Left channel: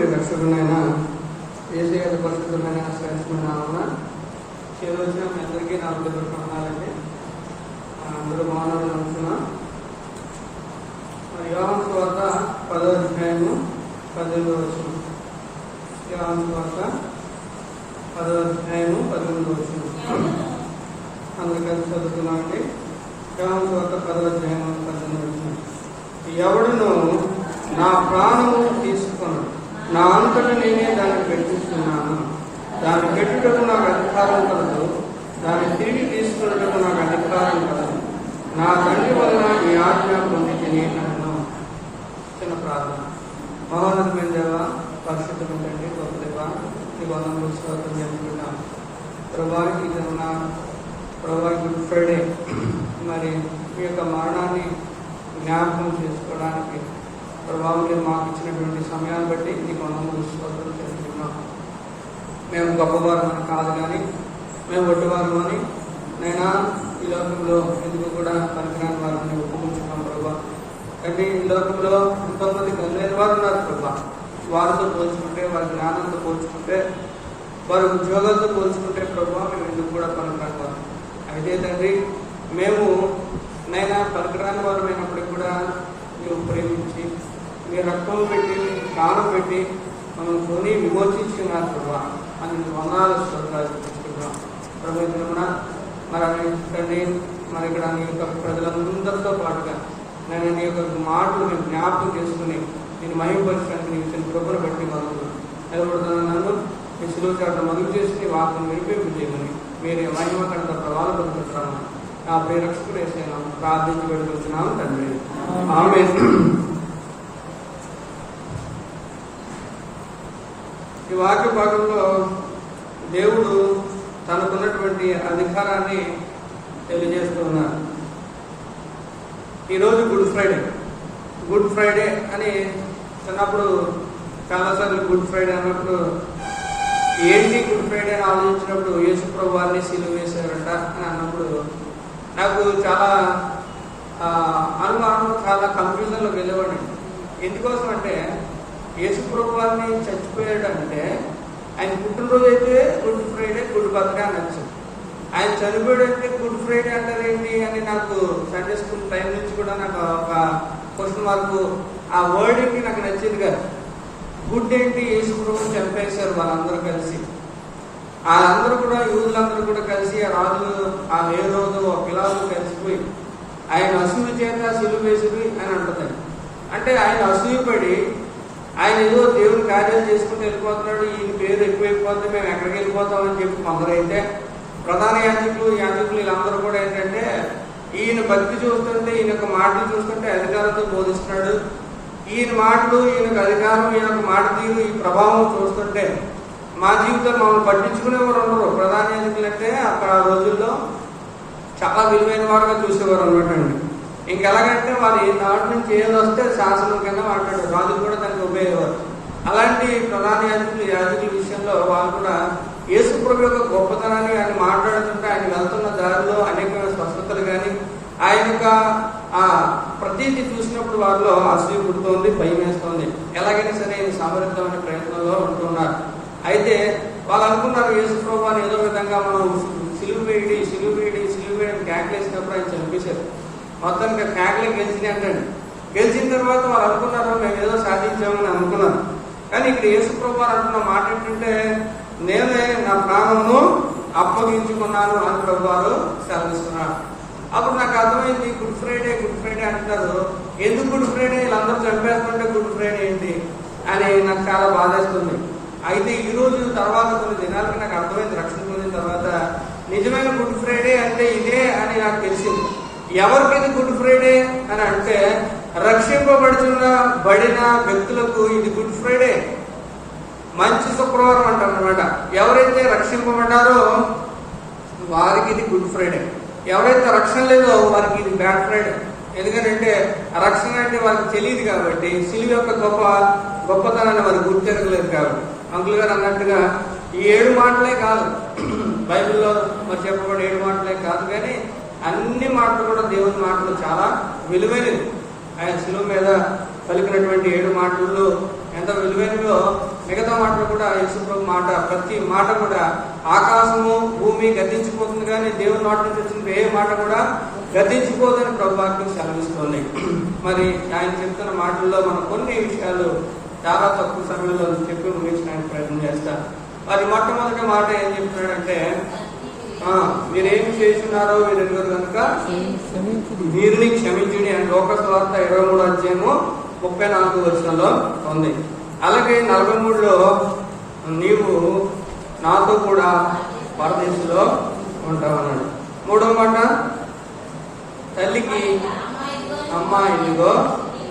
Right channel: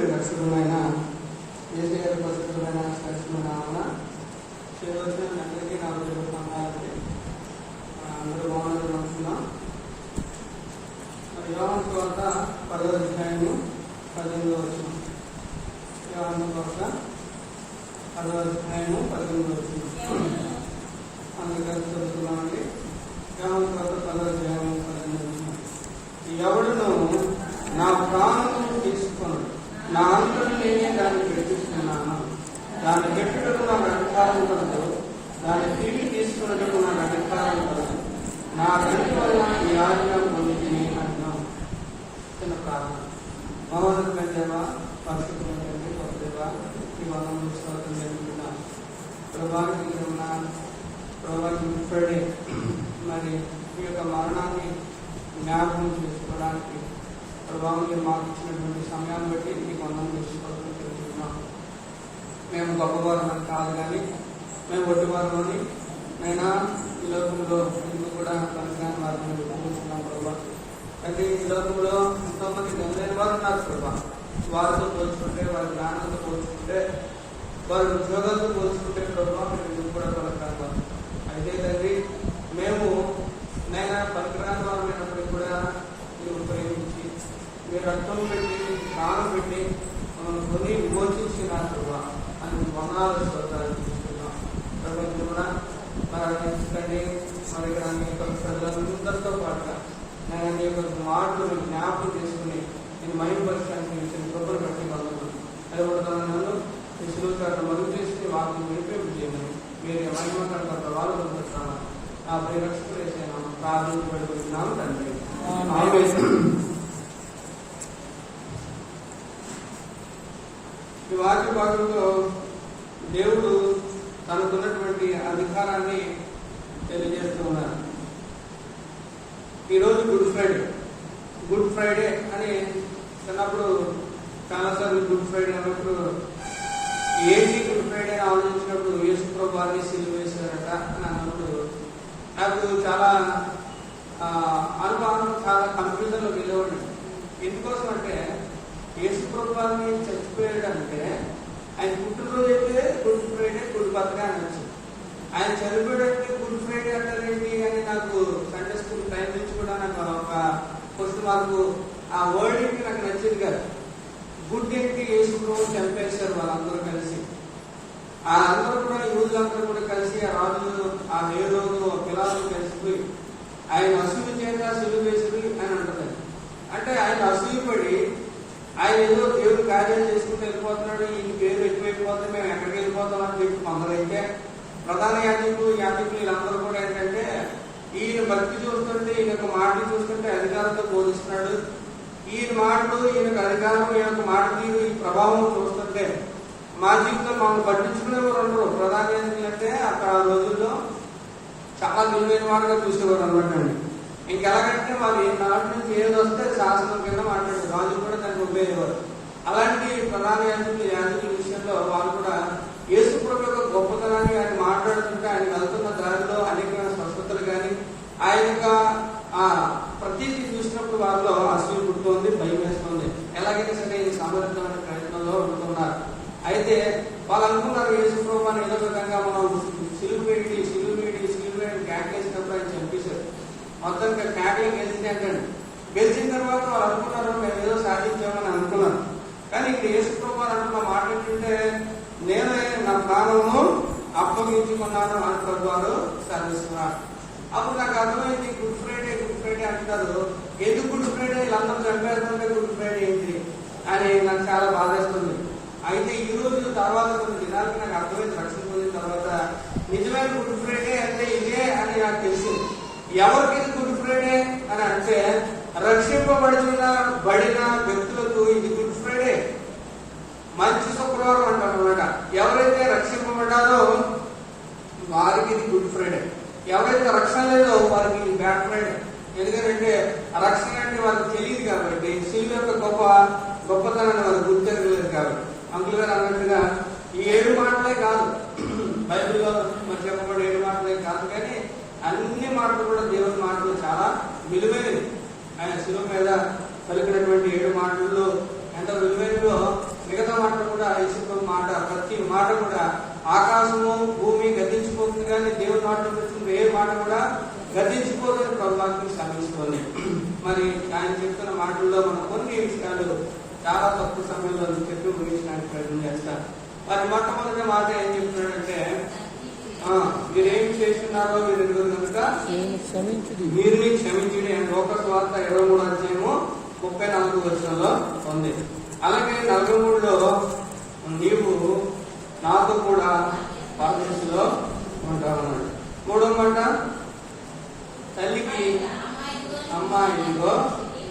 రక్షకుడైన యేసయ్య పరిశుద్ధమైన శ్రేష్ఠమైన చివరిగా మీ అందరికీ నా ప్రణాలంటే అందరూ మానవులు అనుకున్నాం. యోహాను సువార్త 10వ అధ్యాయము 18వ వచనం. యోహాను సువార్త 10వ అధ్యాయము 18వ వచనం అందుకని చదువుతున్నామండి. యోహాను సువార్త 10వ అధ్యాయము 18వ వచనం. ఎవడును నా ప్రాణము తీసుకుని నా అంతట నేనే దాన్ని పెట్టిస్తున్నాను, దాన్ని పెట్టుటకు నాకు అధికారం కలదు, దాన్ని తిరిగి తీసుకున్నట్టు నాకు అధికారం కలదు, నా తండ్రి వల్ల ఈ ఆజ్ఞ పొందిని అన్నాను. చిన్న ప్రార్థన. మహోన్నతమైన దేవా, పరిశుద్ధమైనటువంటి గొప్ప దేవా, ఈ బాధను స్వాగతం చేస్తున్నాను. ప్రభువారికి ప్రభువారికి గుడ్ ఫ్రైడే మరి ఈ యొక్క మరణాన్ని జ్ఞాపకం చేసుకోవడానికి ప్రభావం మాకు ఇచ్చినటువంటి సమయాన్ని బట్టి ఈ మనము స్వాగతం చేస్తున్నాం. మేము గొప్పవారు కాదు కానీ మేము ఒడ్డువారు అని నైనా ఈ లోకంలో ఎందుకు కూడా పనికిరాని వారిని ఒప్పుకుంటున్నాం ప్రభావ. కానీ ఈ లోకంలో ఎంతోమంది గొంగైన వారు ఉన్నారు ప్రభావ. వారితో పోల్చుకుంటే, వారి జ్ఞానంతో పోల్చుకుంటే, వారి ఉద్యోగాలతో పోల్చుకుంటే ప్రభావ మేము ఎందుకు కూడా పనికిరాని వారు. అయితే తండ్రి మేము నైనా పనికిరాని వారు అయినప్పటికీ కూడా మీరు ప్రేమించి మీ రక్తం పెట్టి ప్రాణం పెట్టి మమ్మల్ని కొని విమోచించినారు ప్రభావ అని వందనాలు శ్రోతాలు చూస్తున్నాం. ప్రభుత్వం మరి తండ్రి మరి ఇక్కడ మీ యొక్క ప్రజలందరితో పాటుగా నేను నీ యొక్క మాటలు మీరు జ్ఞాపకం చేసుకుని నేను మహిమపరచడానికి నేను కృపను బట్టి వాళ్ళు నిలబడుతున్న నన్ను మీ సులువు కాట మదులు చేసి వాటిని వినిపింపు చేయమని మీరు మహిమ కంట ప్రభావాలు పొందుతున్నాను. నా ప్రేరక్షకుడు వేసాను ప్రార్థించబడుతున్నాను తండ్రి. ఈ వాక్య భాగంలో దేవుడు తనకున్నటువంటి అధికారాన్ని తెలియజేస్తూ ఉన్నారు. ఈరోజు గుడ్ ఫ్రైడే అని చిన్నప్పుడు చాలాసార్లు గుడ్ ఫ్రైడే అన్నప్పుడు ఏంటి గుడ్ ఫ్రైడే అని ఆలోచించినప్పుడు యేసు ప్రభు వారిని సిలువ వేశారట అని అన్నప్పుడు నాకు చాలా అనుమానం, చాలా కన్ఫ్యూజన్లో వెళ్ళేవాడిని. ఎందుకోసం అంటే యేసు ప్రభు వారిని చచ్చిపోయాడంటే ఆయన పుట్టినరోజు అయితే గుడ్ ఫ్రైడే, గుడ్ బర్త్డే అనొచ్చు. ఆయన చనిపోయాడంటే గుడ్ ఫ్రైడే అంటారేంటి అని నాకు సండే స్కూల్ టైం నుంచి కూడా నాకు ఒక క్వశ్చన్ మార్క్. ఆ వర్డ్కి నాకు నచ్చింది కాదు. గుడ్ ఏంటి, యేసు ప్రభు చంపేశారు వాళ్ళందరూ కలిసి. ఆ అందరూ కూడా యూదులందరూ కూడా కలిసి ఆ రాజులు ఆ హేరోదు పిలాతు కలిసిపోయి ఆయన అసూయ చేత సిలువ వేసింది అని అంటున్నారు. అంటే ఆయన అసూయపడి ఆయన ఏదో దేవుని కార్యాలు చేసుకుని వెళ్ళిపోతున్నాడు, ఈయన పేరు ఎక్కువైపోతే మేము ఎక్కడికి వెళ్ళిపోతామని చెప్పి కొందరైతే, ప్రధాన యాజకులు వీళ్ళందరూ కూడా ఏంటంటే ఈయన భక్తి చూస్తుంటే, ఈయన యొక్క మాటలు చూస్తుంటే అధికారంతో బోధిస్తున్నాడు, ఈయన మాటలు, ఈయనకు అధికారం, ఈయన మాట తీరు, ఈ ప్రభావం చూస్తుంటే మా జీవితంలో మమ్మల్ని పట్టించుకునేవారు ఉండరు. ప్రధాన యాజకులు అంటే అక్కడ ఆ రోజుల్లో చాలా విలువైన వారుగా చూసేవారు అనమాట అండి. ఇంకెలాగంటే మరి నాటి నుంచి ఏది వస్తే శాసనం కింద మాట్లాడారు, రాజులు కూడా దానికి ఉపయోగపడేవారు. అలాంటి ప్రధాన యాజకుల విషయంలో వాళ్ళు కూడా యేసు ప్రభు యొక్క గొప్పతనాన్ని ఆయన మాట్లాడుతుంటే ఆయన వెళ్తున్న దారిలో అనేక స్వస్థతలు కానీ ఆయన యొక్క ఆ ప్రతీతి చూసినప్పుడు వారిలో అసూయ పుడుతోంది, భయం వేస్తోంది. ఎలాగైనా సరే సమర్థమైన ప్రయత్నంలో ఉంటున్నారు. అయితే వాళ్ళు అనుకున్నారు యేసు ప్రభు అని ఏదో విధంగా మనం సిలువ వేడి క్యాక్లేసినప్పుడు ఆయన చంపేశారు. మొత్తం క్యాక్లే గెలిచినాయండి. గెలిచిన తర్వాత వాళ్ళు అనుకున్నారు మేము ఏదో సాధించామని అనుకున్నారు. కానీ ఇక్కడ యేసు ప్రభు అంటున్న మాట ఏంటంటే నేనే నా ప్రాణమును అప్పగించుకున్నాను అని ప్రభు వారు సెలవిస్తున్నారు. అప్పుడు నాకు అర్థమైంది, గుడ్ ఫ్రైడే అంటున్నారు. ఎందుకు గుడ్ ఫ్రైడే, వీళ్ళందరూ చంపేస్తుంటే గుడ్ ఫ్రైడే ఏంటి అని నాకు చాలా బాధేస్తుంది. అయితే ఈ రోజు తర్వాత కొన్ని దినాలకి నాకు అర్థమైంది, రక్షణ పొందిన తర్వాత నిజమైన గుడ్ ఫ్రైడే అంటే ఇదే అని నాకు తెలిసింది. ఎవరికి ఇది గుడ్ ఫ్రైడే అని అంటే బడిన వ్యక్తులకు ఇది గుడ్ ఫ్రైడే, మంచి శుక్రవారం అంటారు అనమాట. ఎవరైతే రక్షింపబడ్డారో వారికి ఇది గుడ్ ఫ్రైడే, ఎవరైతే రక్షణ లేదో వారికి ఇది బ్యాడ్ ఫ్రైడే. ఎందుకంటే రక్షణ అంటే వాళ్ళకి తెలియదు కాబట్టి, సిలువ యొక్క గొప్పతనాన్ని వాళ్ళు గుర్తించలేదు కాబట్టి. అంకుల్ గారు అన్నట్టుగా ఈ 7 మాటలే కాదు, బైబిల్లో మరి చెప్పబడే 7 మాటలే కాదు, కానీ అన్ని మాటలు కూడా దేవుని మాటలు చాలా విలువైనది. ఆయన సిలువ మీద పలికినటువంటి 7 మాటల్లో ఎంత విలువైనదో మిగతా మాటలు కూడా యేసుప్రభు మాట, ప్రతి మాట కూడా ఆకాశము భూమి గతించిపోతుంది కానీ దేవుని నోటి నుంచి వచ్చిన ఏ మాట కూడా గతించిపోదని ప్రభు వాక్యం సెలవిస్తుంది. మరి ఆయన చెప్తున్న మాటల్లో మనం కొన్ని విషయాలు చాలా తక్కువ సమయంలో చెప్పి ముగించడానికి ప్రయత్నం చేస్తారు. మరి మొట్టమొదటి మాట ఏం చెప్తున్నాడంటే, మీరేమి చేస్తున్నారో వీరెందుకు కనుక వీరిని క్షమించుడి అని లోకాసు వార్త 23వ అధ్యాయము 34వ వచనంలో ఉంది. అలాగే 43లో నీవు నాతో కూడా పరదేశంలో ఉంటావన్నాడు. 3వ మాట, తల్లికి అమ్మ ఇదిగో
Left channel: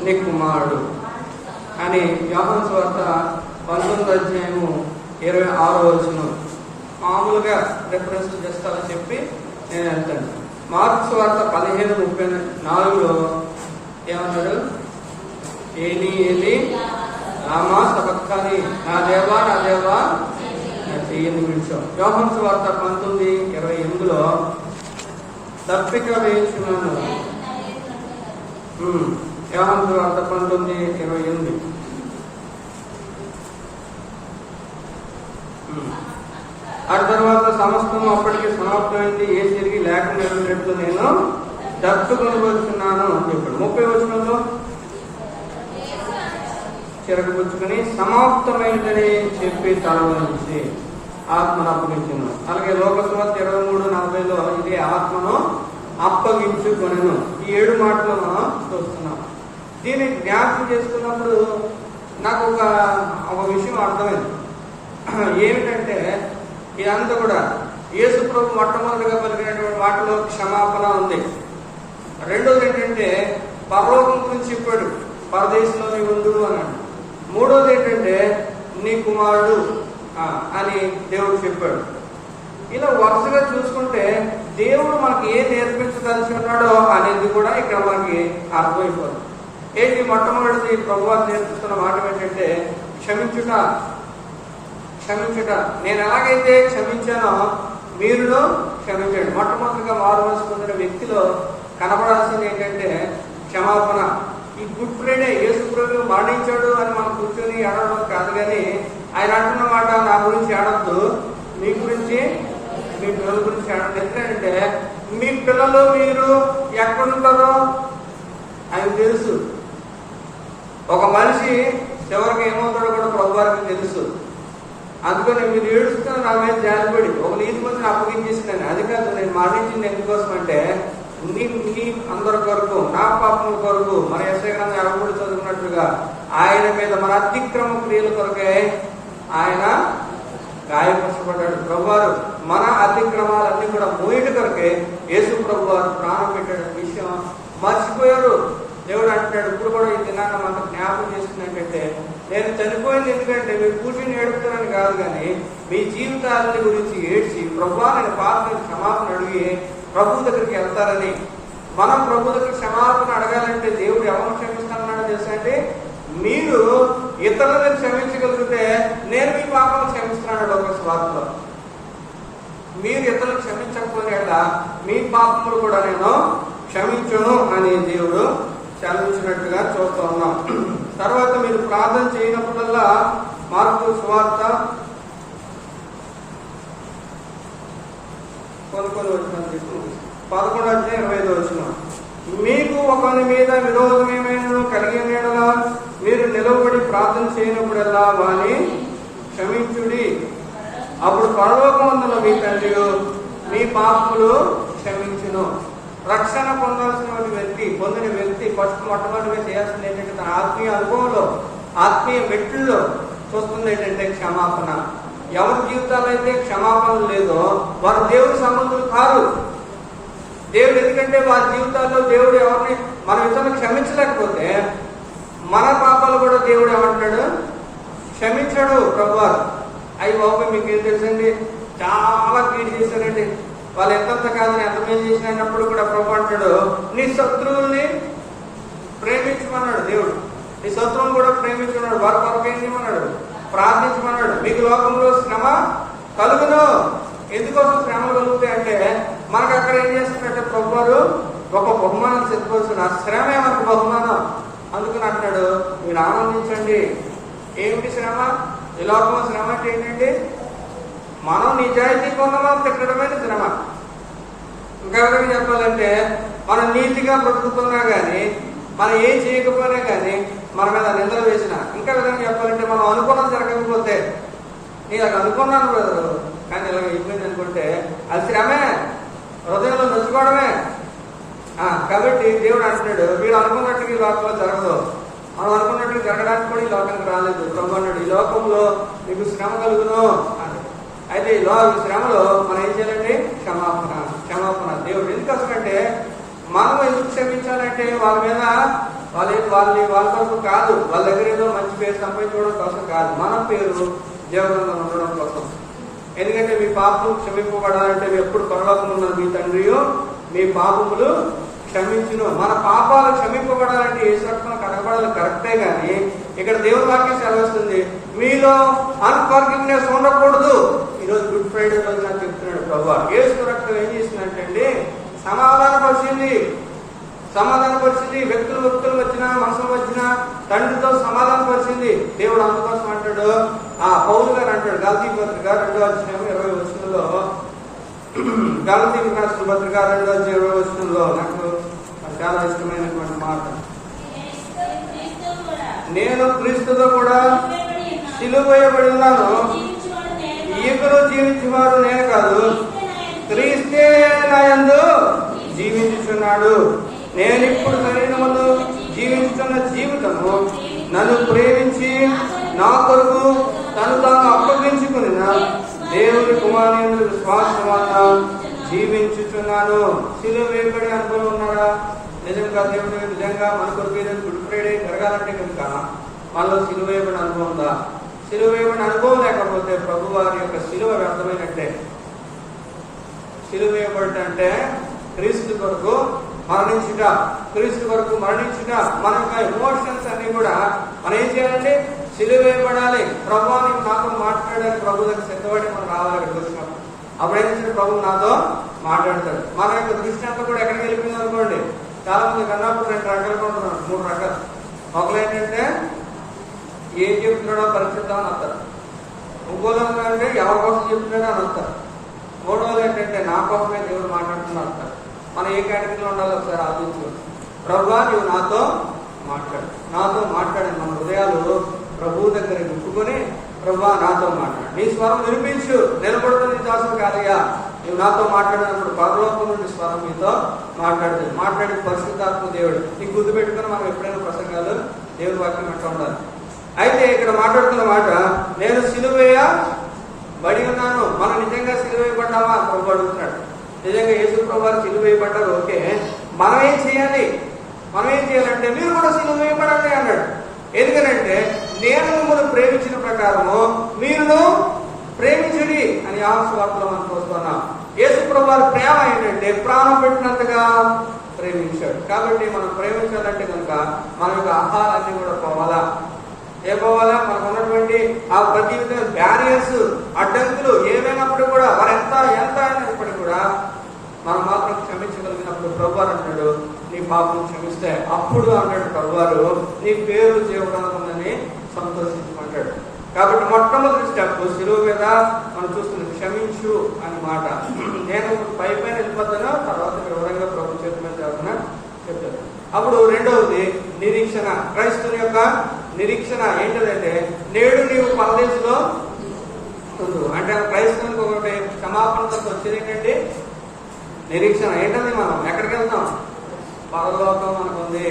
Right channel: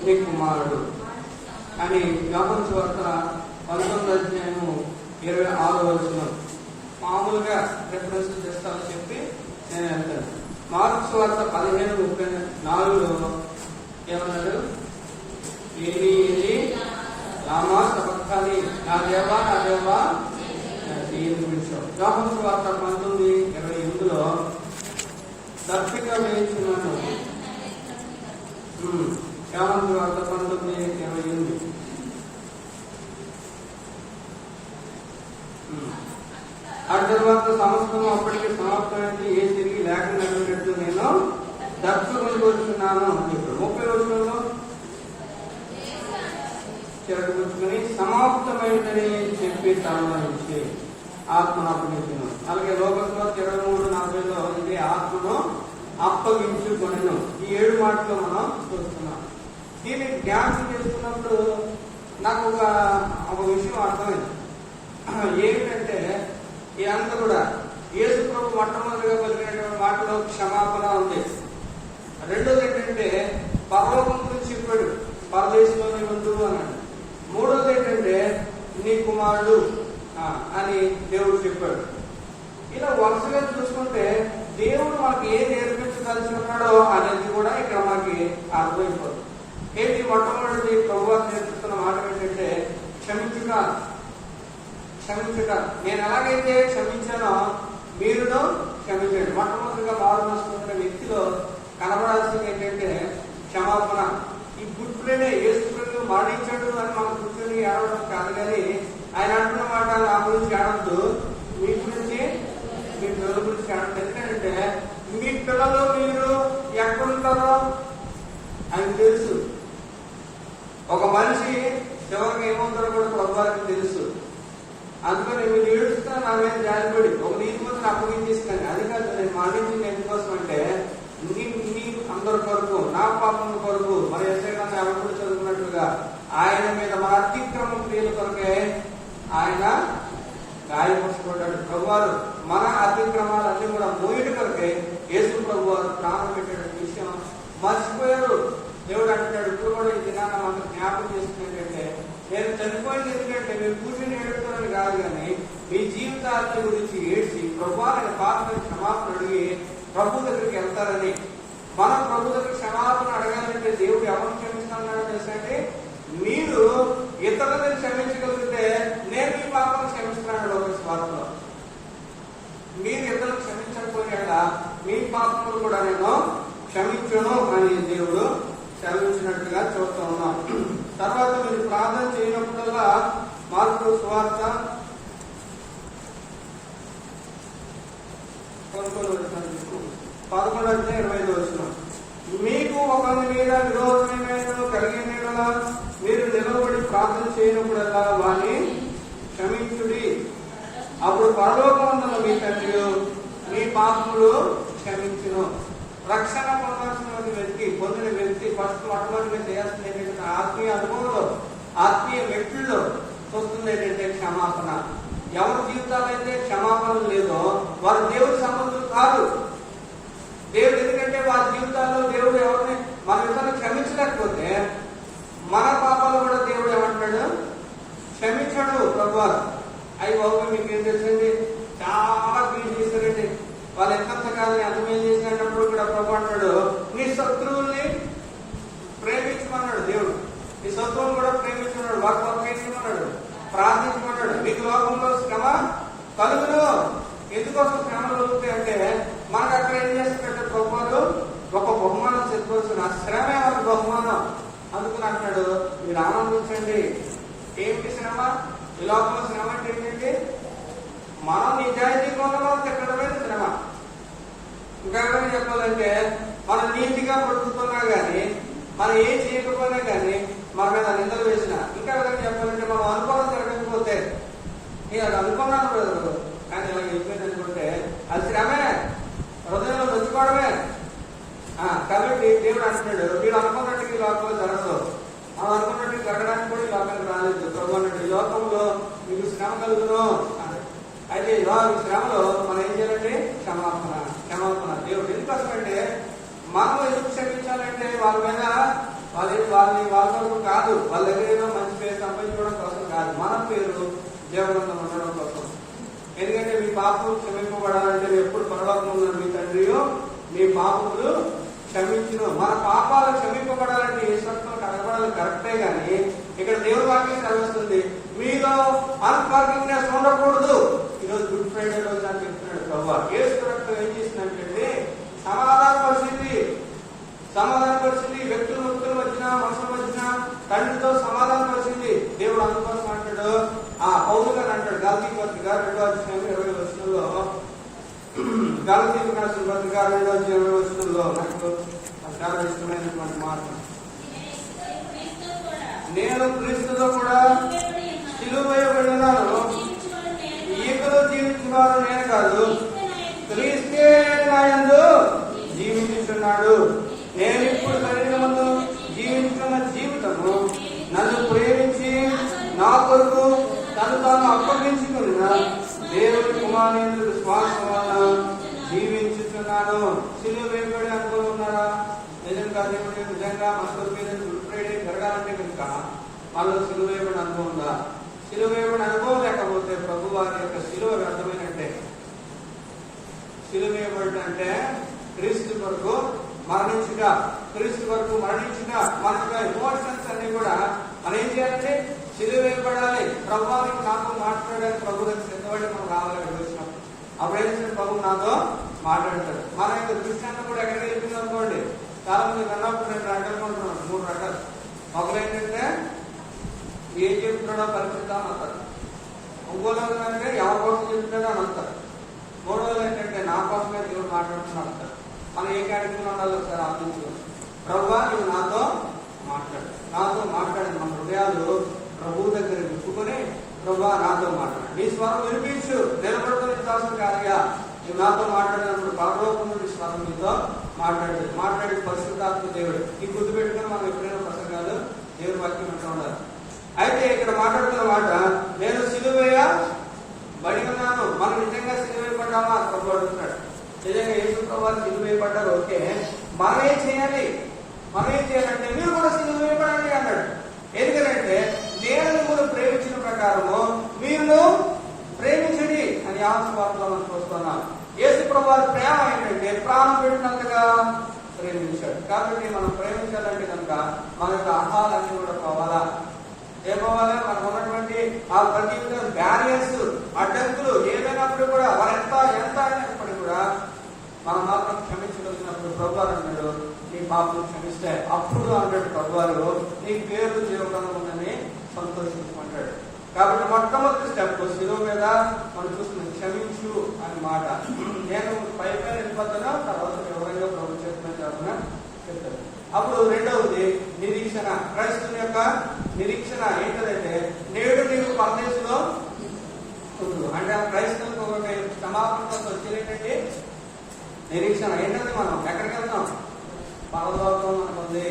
నీ కుమారుడు అని యోహాను సువార్త 19వ అధ్యాయము 26వ వచనం మామూలుగా రెఫరెన్స్ చేస్తానని చెప్పి నేను వెళ్తాను. మార్కు సువార్త 15:34లో ఏమన్నాడు, ఏలి ఏలి రామా సబక్తాని, నా దేవా నా దేవా ఎందుకు పిలిచావు. యోహాను సువార్త 19:28లో దప్పిక వేయించున్నాను. యోహాను సువార్త 19:28. ఆ తర్వాత సమస్తం అప్పటికి సమాప్తమైంది, ఏ తిరిగి లేక నిలబడినట్లు నేను దత్తుకొని వచ్చున్నాను అని చెప్పాడు. 30వ వచనంలో చిరకపుచ్చుకొని సమాప్తమైందని చెప్పి తనలో నుంచి ఆత్మను అప్పగించున్నాను. అలాగే లోకాసు వార్త 23:40లో ఇదే ఆత్మను అప్పగించుకొనెను. ఈ 7 మాటలు మనం చూస్తున్నాం. దీన్ని జ్ఞాపకం చేసుకున్నప్పుడు నాకు ఒక విషయం అర్థమైంది. ఏమిటంటే ఇదంతా కూడా యేసు ప్రభు మొట్టమొదటిగా పలికినటువంటి వాటిలో క్షమాపణ ఉంది. రెండోది ఏంటంటే పరలోకం గురించి చెప్పాడు, పరదేశంలో నీ ఉండు అన్నాడు. మూడోది ఏంటంటే నీ కుమారుడు అని దేవుడు చెప్పాడు. ఇలా వరుసగా చూసుకుంటే దేవుడు మనకి ఏం నేర్పించదలిసి ఉన్నాడో అనేది కూడా ఇక్కడ మనకి అర్థమైపోతుంది. ఏంటి మొట్టమొదటిది ప్రభువారు నేర్పిస్తున్న మాట ఏంటంటే క్షమించుట. నేను ఎలాగైతే క్షమించానో మీరును క్షమించండి. మొట్టమొదటిగా మారు మనసు పొందిన వ్యక్తిలో కనబడాల్సింది ఏంటంటే క్షమాపణ. ఈ గుడ్ ఫ్రైడే యేసు ప్రభు మరణించాడు అని మనం కూర్చొని ఏడవడం కాదు, కానీ ఆయన అంటున్న మాట నా గురించి ఏడవద్దు, మీ గురించి మీ పిల్లల గురించి ఏడవద్దు. ఎందుకంటే మీ పిల్లలు మీరు ఎక్కడుంటారో ఆయనకు తెలుసు. ఒక మనిషి ఎవరికి ఏమవుతాడో కూడా ప్రభు వారికి తెలుసు. అందుకని మీరు ఏడుస్తున్న నా మీద జాలిపడి ఒక నీతిమంతుని అప్పగించేసినాను. అది కాదు, నేను మరణించింది ఎందుకోసం అంటే నీ అందరి కొరకు, నా పాపముల కొరకు, మన యెషయా అడుగుడు చదువుకున్నట్టుగా ఆయన మీద మన అతిక్రమ క్రియల కొరకే ఆయన గాయపరచబడ్డాడు. ప్రభువారు మన అతిక్రమాలన్నీ కూడా మోయిన కొరకే యేసు ప్రభువారు ప్రాణం పెట్టాడు. విషయం మర్చిపోయారు. దేవుడు అంటున్నాడు, ఇప్పుడు కూడా ఈ దినాన్ని మనకు జ్ఞాపకం చేస్తున్నట్టయితే నేను చనిపోయింది ఎందుకంటే మీరు కూర్చుని ఏడుపుతున్నాను కాదు, కానీ మీ జీవితాలని గురించి ఏడ్చి ప్రభువా నేను పాపని క్షమాపణ అడిగి ప్రభు దగ్గరికి వెళ్తారని. మనం ప్రభు దగ్గర క్షమాపణ అడగాలంటే దేవుడు ఎవరు క్షమిస్తానన్నాడో తెలుసా అంటే, మీరు ఇతరులను క్షమించగలిగితే నేను మీ పాపను క్షమిస్తున్నాడు. ఒక స్వార్థలో మీరు ఇతరులను క్షమించకపోతే మీ పాపములు కూడా నేను క్షమించను అని దేవుడు చదివించినట్టుగా చూస్తూ ఉన్నాం. తర్వాత మీరు ప్రార్థన చేయనప్పుడల్లా మార్కు సువార్త కొన్ని వచ్చిన 11:25 వచ్చిన మీకు ఒకరి మీద విరోధం ఏమైనా కలిగిన మీరు నిలబడి ప్రార్థన చేయనప్పుడల్లా వాని క్షమించుడి, అప్పుడు పరలోకమందున మీ తండ్రి మీ పాపములు క్షమించును. రక్షణ పొందిన వ్యక్తి ఫస్ట్ మొట్టమొదటిగా చేయాల్సింది ఏంటంటే తన ఆత్మీయ అనుభవంలో, ఆత్మీయ మెట్లలో చూస్తుంది ఏంటంటే క్షమాపణ. ఎవరి జీవితాలు అయితే క్షమాపణ లేదో వారు దేవుడి సంబంధులు కాదు. దేవుడు ఎందుకంటే వారి జీవితాల్లో దేవుడు ఎవరిని మన ఇతరులు క్షమించలేకపోతే మన పాపాలు కూడా దేవుడు ఏమంటాడు, క్షమించాడు ప్రభువారు. అవి బాబు మీకు ఏం తెలుసండి, చాలా పీడి చేశారండి, వాళ్ళు ఎంతంత కాదని ఎంత మేలు చేసినప్పుడు కూడా ప్రభు అంటాడు నీ శత్రువుల్ని ప్రేమించుకున్నాడు. దేవుడు నీ శత్రువులు కూడా ప్రేమించుకున్నాడు. వారి కొరకు ఏం చేయమన్నాడు, ప్రార్థించమన్నాడు. మీకు లోకంలో శ్రమ కలుగును. ఎందుకోసం శ్రమలు కలుగుతాయి అంటే మనకు అక్కడ ఏం చేస్తున్నట్టే ప్రభు వారు ఒక బహుమానం చెప్పుకోవచ్చు. నా శ్రమే మనకు బహుమానం. అందుకని అంటాడు మీరు ఆనందించండి, ఏమిటి శ్రమ? ఈ లోకంలో శ్రమ అంటే ఏంటండి? మనం నిజాయితీగా ఉన్నవాళ్ళు తిట్టడమే శ్రమ. ఇంకా చెప్పాలంటే మనం నీతిగా బ్రతుకుతున్నా కానీ, మనం ఏం చేయకపోయినా కానీ మన మీద నిందలు వేసిన, ఇంకా విధంగా చెప్పాలంటే మనం అనుకున్నది జరగకపోతే, నేను అది అనుకున్నాను బ్రదరు కానీ ఇలా అయిపోయింది అనుకుంటే అది శ్రమే, హృదయంలో నొచ్చుకోవడమే. కాబట్టి దేవుడు అంటున్నాడు, మీరు అనుకున్నట్టుగా ఈ లోకంలో జరగదు. మనం అనుకున్నట్టుగా జరగడానికి కూడా ఈ లోకానికి రాలేదు. ప్రభు అన్నాడు, ఈ లోకంలో మీకు శ్రమ కలుగును అని. అయితే ఈ శ్రమలో మనం ఏం చేయాలండి? క్షమాపణ. దేవుడు ఎందుకంటే మనం ఎందుకు క్షమించాలంటే వాళ్ళ మీద వాళ్ళ వరకు కాదు, వాళ్ళ దగ్గర ఏదో మంచి పేరు సంపాదించుకోవడం కోసం కాదు, మన పేరు జీవనంలో ఉండడం కోసం. ఎందుకంటే మీ పాపము క్షమింపబడాలంటే ఎప్పుడు పరలోకంలో మీ తండ్రియో మీ పాపములు క్షమించును. మన పాపాలు క్షమింపబడాలంటే ఏ రక్తం కనబడాలి కరెక్టే, కానీ ఇక్కడ దేవుని వాక్యం సెలవుస్తుంది, మీలో అన్ఫర్గివ్నెస్ ఉండకూడదు. ఈరోజు గుడ్ ఫ్రైడే రోజు నాకు చెప్తున్నాడు ప్రభు. యేసు రక్తం ఏం చేసిందంటే సమాధానపరిచింది. వ్యక్తులు వచ్చినా మనుషులు వచ్చినా తండ్రితో సమాధానపరిచింది దేవుడు. అందుకోసం అంటాడు, పౌలు గారు అంటాడు గలతీ పత్రిక 2వ అధ్యాయం 20వ వచనంలో, గలతీ రాసిన పత్రిక 2వ అధ్యాయం 20వ వచనంలో నాకు చాలా ఇష్టమైనటువంటి మాట, నేను క్రీస్తుతో కూడా సిలువ వేయబడి ఉన్నాను, ఇప్పుడు జీవించేవారు నేను కాదు, క్రీస్తే నాయందు జీవించుచున్నాడు. నేను ఇప్పుడు శరీరమును జీవించున్న జీవితము నన్ను ప్రేమించి నా కొరకు తను తాను అప్పగించుకుని దేవుడి కుమారుని విశ్వాసం వలన జీవించుచున్నాను. సిలువ వేయబడే అనుభవం ఉన్నాడా? నిజంగా దేవుడు నిజంగా మన కొరకు గుడ్ ఫ్రైడే జరగాలంటే కనుక మనలో సిలువ వేయబడిన అనుభవం ఉందా? సిలువ వేయబడిన అనుభవం లేకపోతే ప్రభు వారి యొక్క సిలువ వ్యర్థమైనట్టే. సిలువ వేయబడంటే క్రీస్తు కొరకు మరణించుట, క్రీస్తు వరకు మరణించుట. మన ఎమోషన్స్ అన్ని కూడా మనం ఏం చేయాలంటే సిలువ వేయబడాలి. ప్రభువానికి నాతో మాట్లాడాలి, ప్రభు దగ్గర సిద్ధపడి మనం రావాలి. చూసినప్పుడు అప్పుడు ఏం చేసిన ప్రభు నాతో మాట్లాడతారు. మన యొక్క దృష్టి అంతా కూడా ఎక్కడికి వెళ్ళిపోయింది అనుకోండి. చాలా మంది కన్నప్పుడు 2 రకాలు ఉంటున్నారు, 3 రకాలు. ఒకరు ఏంటంటే ఏం చెప్తున్నాడో పరిస్థితాన్ని వస్తారు, ఇంకోలో అంటే ఎవరి కోసం చెప్తున్నాడో అని వస్తారు, మూడవది ఏంటంటే నా కోసమే దేవుడు మాట్లాడుతున్నా వస్తారు. మనం ఏ కేటగిరీలో ఉండాలో ఒకసారి ఆలోచించుకోవచ్చు. ప్రభువా నువ్వు నాతో మాట్లాడి మన హృదయాలు ప్రభు దగ్గర విప్పుకొని, ప్రభువా నాతో మాట్లాడు, నీ స్వరం వినిపించు, నిలబడుతున్న దాసుడు కాదయ్యా, నువ్వు నాతో మాట్లాడినప్పుడు పరలోకం నుండి స్వరం మీతో మాట్లాడే పరిశుద్ధాత్మ దేవుడు. నీకు గుర్తు పెట్టుకుని మనం ఎప్పుడైనా ప్రసంగాలు దేవుడి వాక్యం అంటూ ఉండాలి. అయితే ఇక్కడ మాట్లాడుతున్న మాట, నేను సిలువేయబడి ఉన్నాను. మనం నిజంగా సిలువేయబడ్డామా ప్రభు అడుగుతున్నాడు. నిజంగా యేసు ప్రభు సిలువ వేయబడ్డారు, ఓకే. మనం ఏం చేయాలంటే మీరు కూడా సిలువ వేయబడండి అన్నాడు. ఎందుకంటే నేను మిమ్మల్ని ప్రేమించిన ప్రకారము మీరు ప్రేమించండి అని ఆశవార్తలో మనం చూస్తున్నాం. యేసు ప్రభు ప్రేమ ఏంటంటే ప్రాణం పెట్టినంతగా ప్రేమించాడు. కాబట్టి మనం ప్రేమించాలంటే కనుక మన యొక్క ఆహారాన్ని కూడా పోవాలా. మనకు ఉన్నటువంటి ఆ ప్రతి విధంగా బ్యారియర్స్, అడ్డంకులు ఏమైనప్పుడు కూడా వారు ఎంత అయినప్పటికీ కూడా మనం మాత్రం క్షమించగలిగినప్పుడు ప్రభు అన్నాడు, నీ పాపం క్షమిస్తే అప్పుడు అన్నాడు ప్రభువారు నీ పేరు జీవనందని సంతోషించుకుంటాడు. కాబట్టి మొట్టమొదటి స్టెప్ సిలువ మీద మనం చూస్తుంది క్షమించు అని మాట. నేను పైన వెళ్ళిపోతాను, తర్వాత వివరంగా ప్రభు చేతి మీద చెప్పాను. అప్పుడు రెండవది నిరీక్షణ. క్రైస్తవుని యొక్క నిరీక్షణ ఏంటంటే నేడు నీవు పరదేశంలో ఉండు అంటే క్రైస్తవునికి ఒకటి క్షమాపణతో వచ్చేది ఏంటంటే నిరీక్షణ. ఏంటంటే మనం ఎక్కడికి వెళ్తాం? పరలోకం అనుకుంది.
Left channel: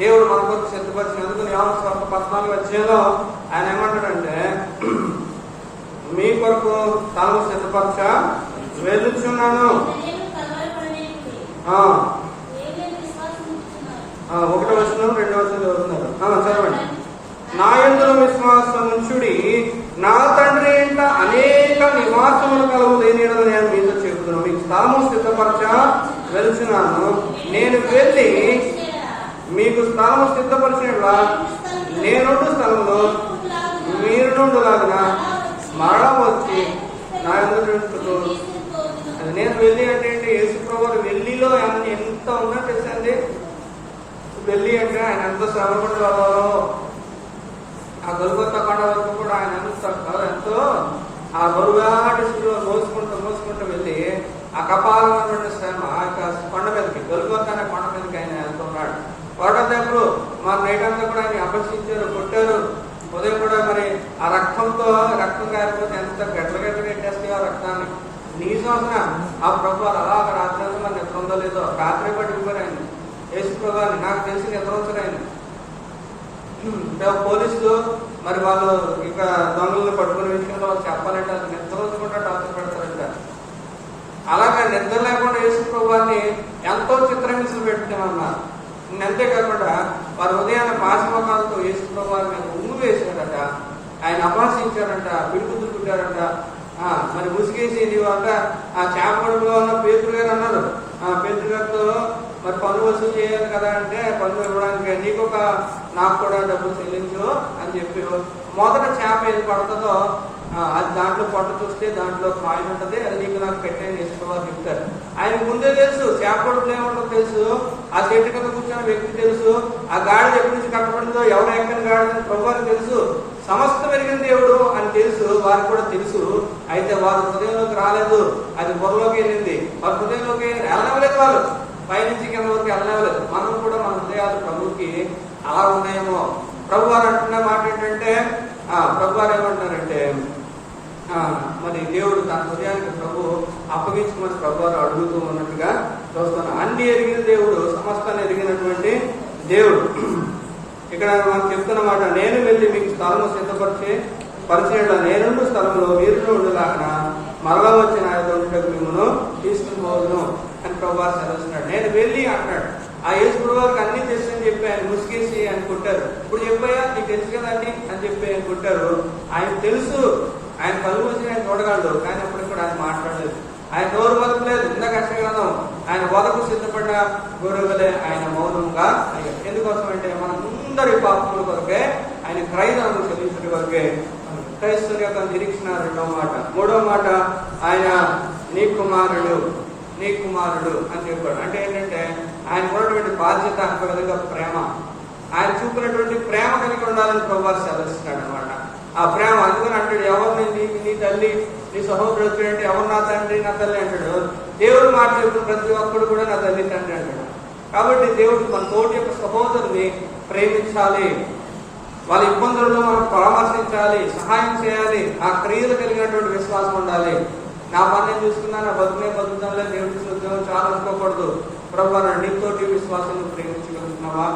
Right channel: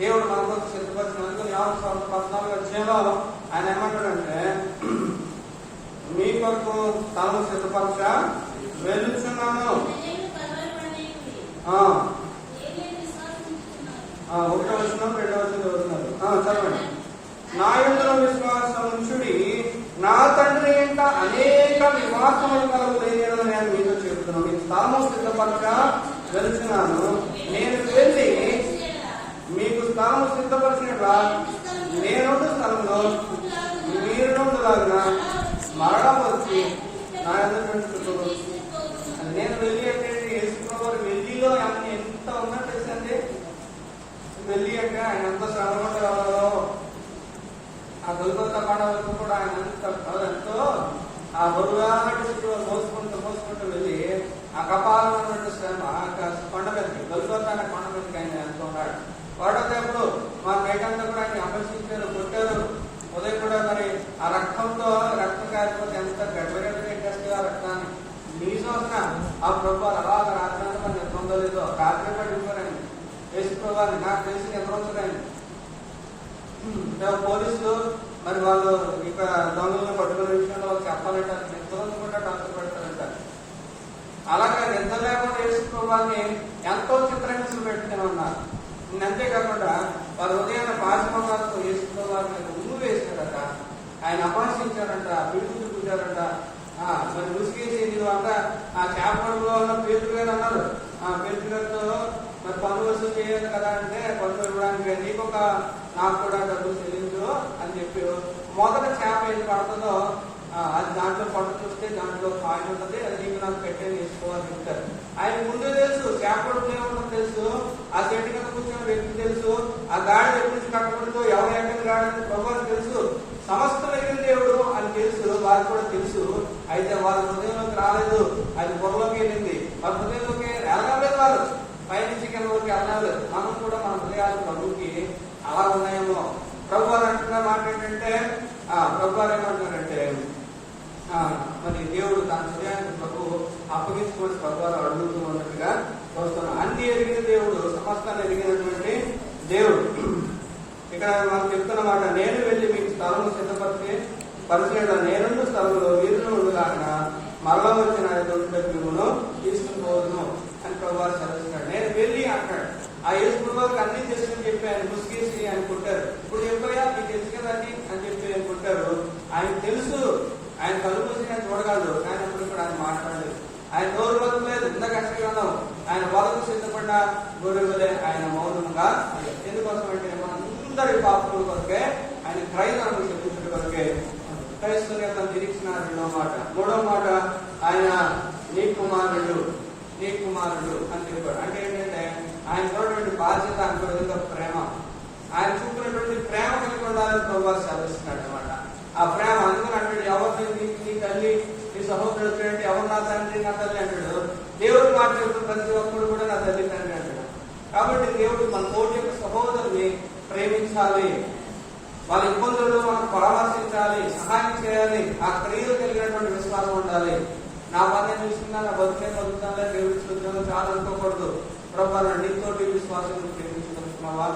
దేవుడు మన కొరకు సిద్ధపరిచినందుకు యోహాను 14వ అధ్యాయంలో ఆయన ఏమంటాడంటే, మీ కొరకు తాను సిద్ధపరచ వెళ్ళుచున్నాను. 1వ వచనం 2వ వచనం చదువుతున్నారు, చదవండి. నా యందు విశ్వాసం ఉంచుడి, నా తండ్రి ఇంట అనేక నివాసములు కలుగుతాయి నేను మీతో చెబుతున్నాను. మీకు స్థలము సిద్ధపరచ వెళ్తున్నాను. నేను వెళ్ళి మీకు స్థలము సిద్ధపరిచిన నేనుండు స్థలంలో మీరు నుండులాగా మరణం వచ్చి నా యందు నేను వెళ్ళి అంటే యేసు ప్రభువు వెళ్ళిలో ఎంత ఉందో తెలుసండి. వెళ్ళి అంటే ఆయన ఎంత శ్రమపడి వెళ్ళాలో, ఆ గొల్గొతా కొండ వరకు కూడా ఆయన ఎంతో ఆ బరువాటి శిలువ మోసుకుంటూ వెళ్ళి ఆ కపాలమైనటువంటి శ్రమ ఆ కొండ మీదకి గొల్గొతా అనే కొండ మీదకి ఆయన ఎంతో ఉన్నాడు. వాడప్పుడు మా నైటంతా కూడా ఆయన అపక్షించారు, కొట్టారు. ఉదయం కూడా మరి ఆ రక్తం కాకపోతే ఎంత గడ్డగా పెట్టేస్తే ఆ రక్తాన్ని నీసోసిన ఆ ప్రభు అలా రాత్రాన్ని మరి నిద్ర ఉందో లేదో రాత్రి పట్టుకుని ఆయన యేసు ప్రభాని నాకు తెలిసి నిద్ర వచ్చారు ఆయన. పోలీసులు మరి వాళ్ళు ఇక దొంగలను పట్టుకునే విషయంలో వాళ్ళు చెప్పాలంటే అది నిద్ర వచ్చుకుంటా టార్చర్ పెడతారంట. అలాగే నిద్ర లేకుండా యేసు ప్రభాని ఎంతో చిత్రహింసలు పెట్టుకున్నారు. అంతేకాకుండా వారి ఉదయాన్ని పాశమకాలతో యేసు ప్రభాని మీద ఉమ్ము వేశారట, ఆయన అపహసించారంట, పిడుగులు చుట్టారంట. మరి ముసిగేసి వల్ల ఆ చేపడులో ఉన్న పేతురు గారు అన్నారు, పేతురు గారితో మరి పన్ను వసూలు చేయాలి కదా అంటే పన్ను ఇవ్వడానికి నాకు కూడా డబ్బులు చెల్లించు అని చెప్పి మొదట చేప ఏది పడుతుందో అది దాంట్లో పట్టు చూస్తే దాంట్లో మాయం ఉంటుంది, అది నీకు నాకు పెట్టేది చేసుకోవాలి చెప్తారు. ఆయన ముందే తెలుసు చేపడుతూనే ఏమన్నా తెలుసు, ఆ చెట్టు కింద కూర్చున్న వ్యక్తి తెలుసు, ఆ గాడి ఎక్కడి నుంచి కట్టబడిందో ఎవరు ఎక్కడ గాడి ప్రభుత్వానికి తెలుసు, సమస్తం ఎరిగిన దేవుడు అని తెలుసు, వారికి కూడా తెలుసు. అయితే వారు హృదయంలోకి రాలేదు, అది పొరలోకి వెళ్ళింది. వారి హృదయంలోకి వెళ్ళలేదు, వాళ్ళు పైనుంచి కిందలోకి వెళ్ళలేదు. మనం కూడా మన హృదయాలు ప్రభుకి అలా ఉన్నాయేమో. ప్రభు వారు అంటున్న మాట ఏంటంటే ప్రభు వారు ఏమంటున్నారంటే మరి దేవుడు తన హృదయానికి ప్రభు అప్పగించుకుని ప్రభు వారు అడుగుతూ ఉన్నట్టుగా చూస్తున్నాం. అన్ని ఎరిగిన దేవుడు, సమస్తాన్ని ఎరిగినటువంటి దేవుడు. ఇక్కడ మనం చెప్తున్నమాట, నేను వెళ్ళి మీకు స్థలము పరిచయం నేను స్థలంలో మీరు ఉండగాక మరలా వచ్చి నా మిమ్మల్ని తీసుకుని పోదును అని ప్రభు వారు సెలవుస్తున్నాడు. నేను వెళ్ళి అంటున్నాడు. ఆ యేసు ప్రభువారికి అన్ని తెచ్చని చెప్పి ఆయన ముసిగేసి అనుకుంటారు. ఇప్పుడు చెప్పయ్యా నీకు తెలుసు కదండి అని చెప్పి అనుకుంటారు. ఆయన తెలుసు, ఆయన కలుగుతుంది, ఆయన చూడగలడు, కానీ అప్పుడు ఇప్పుడు ఆయన మాట్లాడలేదు. ఆయన నోరు బతకలేదు. ఇంత కష్టం ఆయన వరకు సిద్ధపడ్డ గొర్రెలే ఆయన మౌనంగా. ఎందుకోసం అంటే మనందరి పాపముల కొరకే ఆయన క్రైస్తవులను చెల్లించిన కొరకే క్రైస్తవుగా తను నిరీక్షణ. రెండవ మాట. మూడవ మాట, ఆయన నీ కుమారుడు అని చెప్పాడు. అంటే ఏంటంటే ఆయన ఉన్నటువంటి బాధ్యత, అంత విధంగా ప్రేమ, ఆయన చూపినటువంటి ప్రేమ కలిగి ఉండాలని ప్రభువారు సెలవిస్తున్నాడు అనమాట. ఆ ప్రేమ అందుకని అంటాడు, ఎవరిని నీ తల్లి నీ సహోదరుడు వచ్చినట్టు ఎవరు నా తండ్రి నా తల్లి అంటాడు. దేవుడు మాట చెప్పిన ప్రతి ఒక్కడు కూడా నా తల్లి తండ్రి అంటాడు. కాబట్టి దేవుడు మన తోటి యొక్క సహోదరుని ప్రేమించాలి, వాళ్ళ ఇబ్బందులను మనం పరామర్శించాలి, సహాయం చేయాలి. ఆ క్రియలు కలిగినటువంటి విశ్వాసం ఉండాలి. నా పని నేను చూసుకున్నా, నా బతుకుతానులే, దేవుడి ఉద్యోగం చాలా అనుకోకూడదు. ప్రభు నీతోటి విశ్వాసం ప్రేమించగలుగుతున్నావా?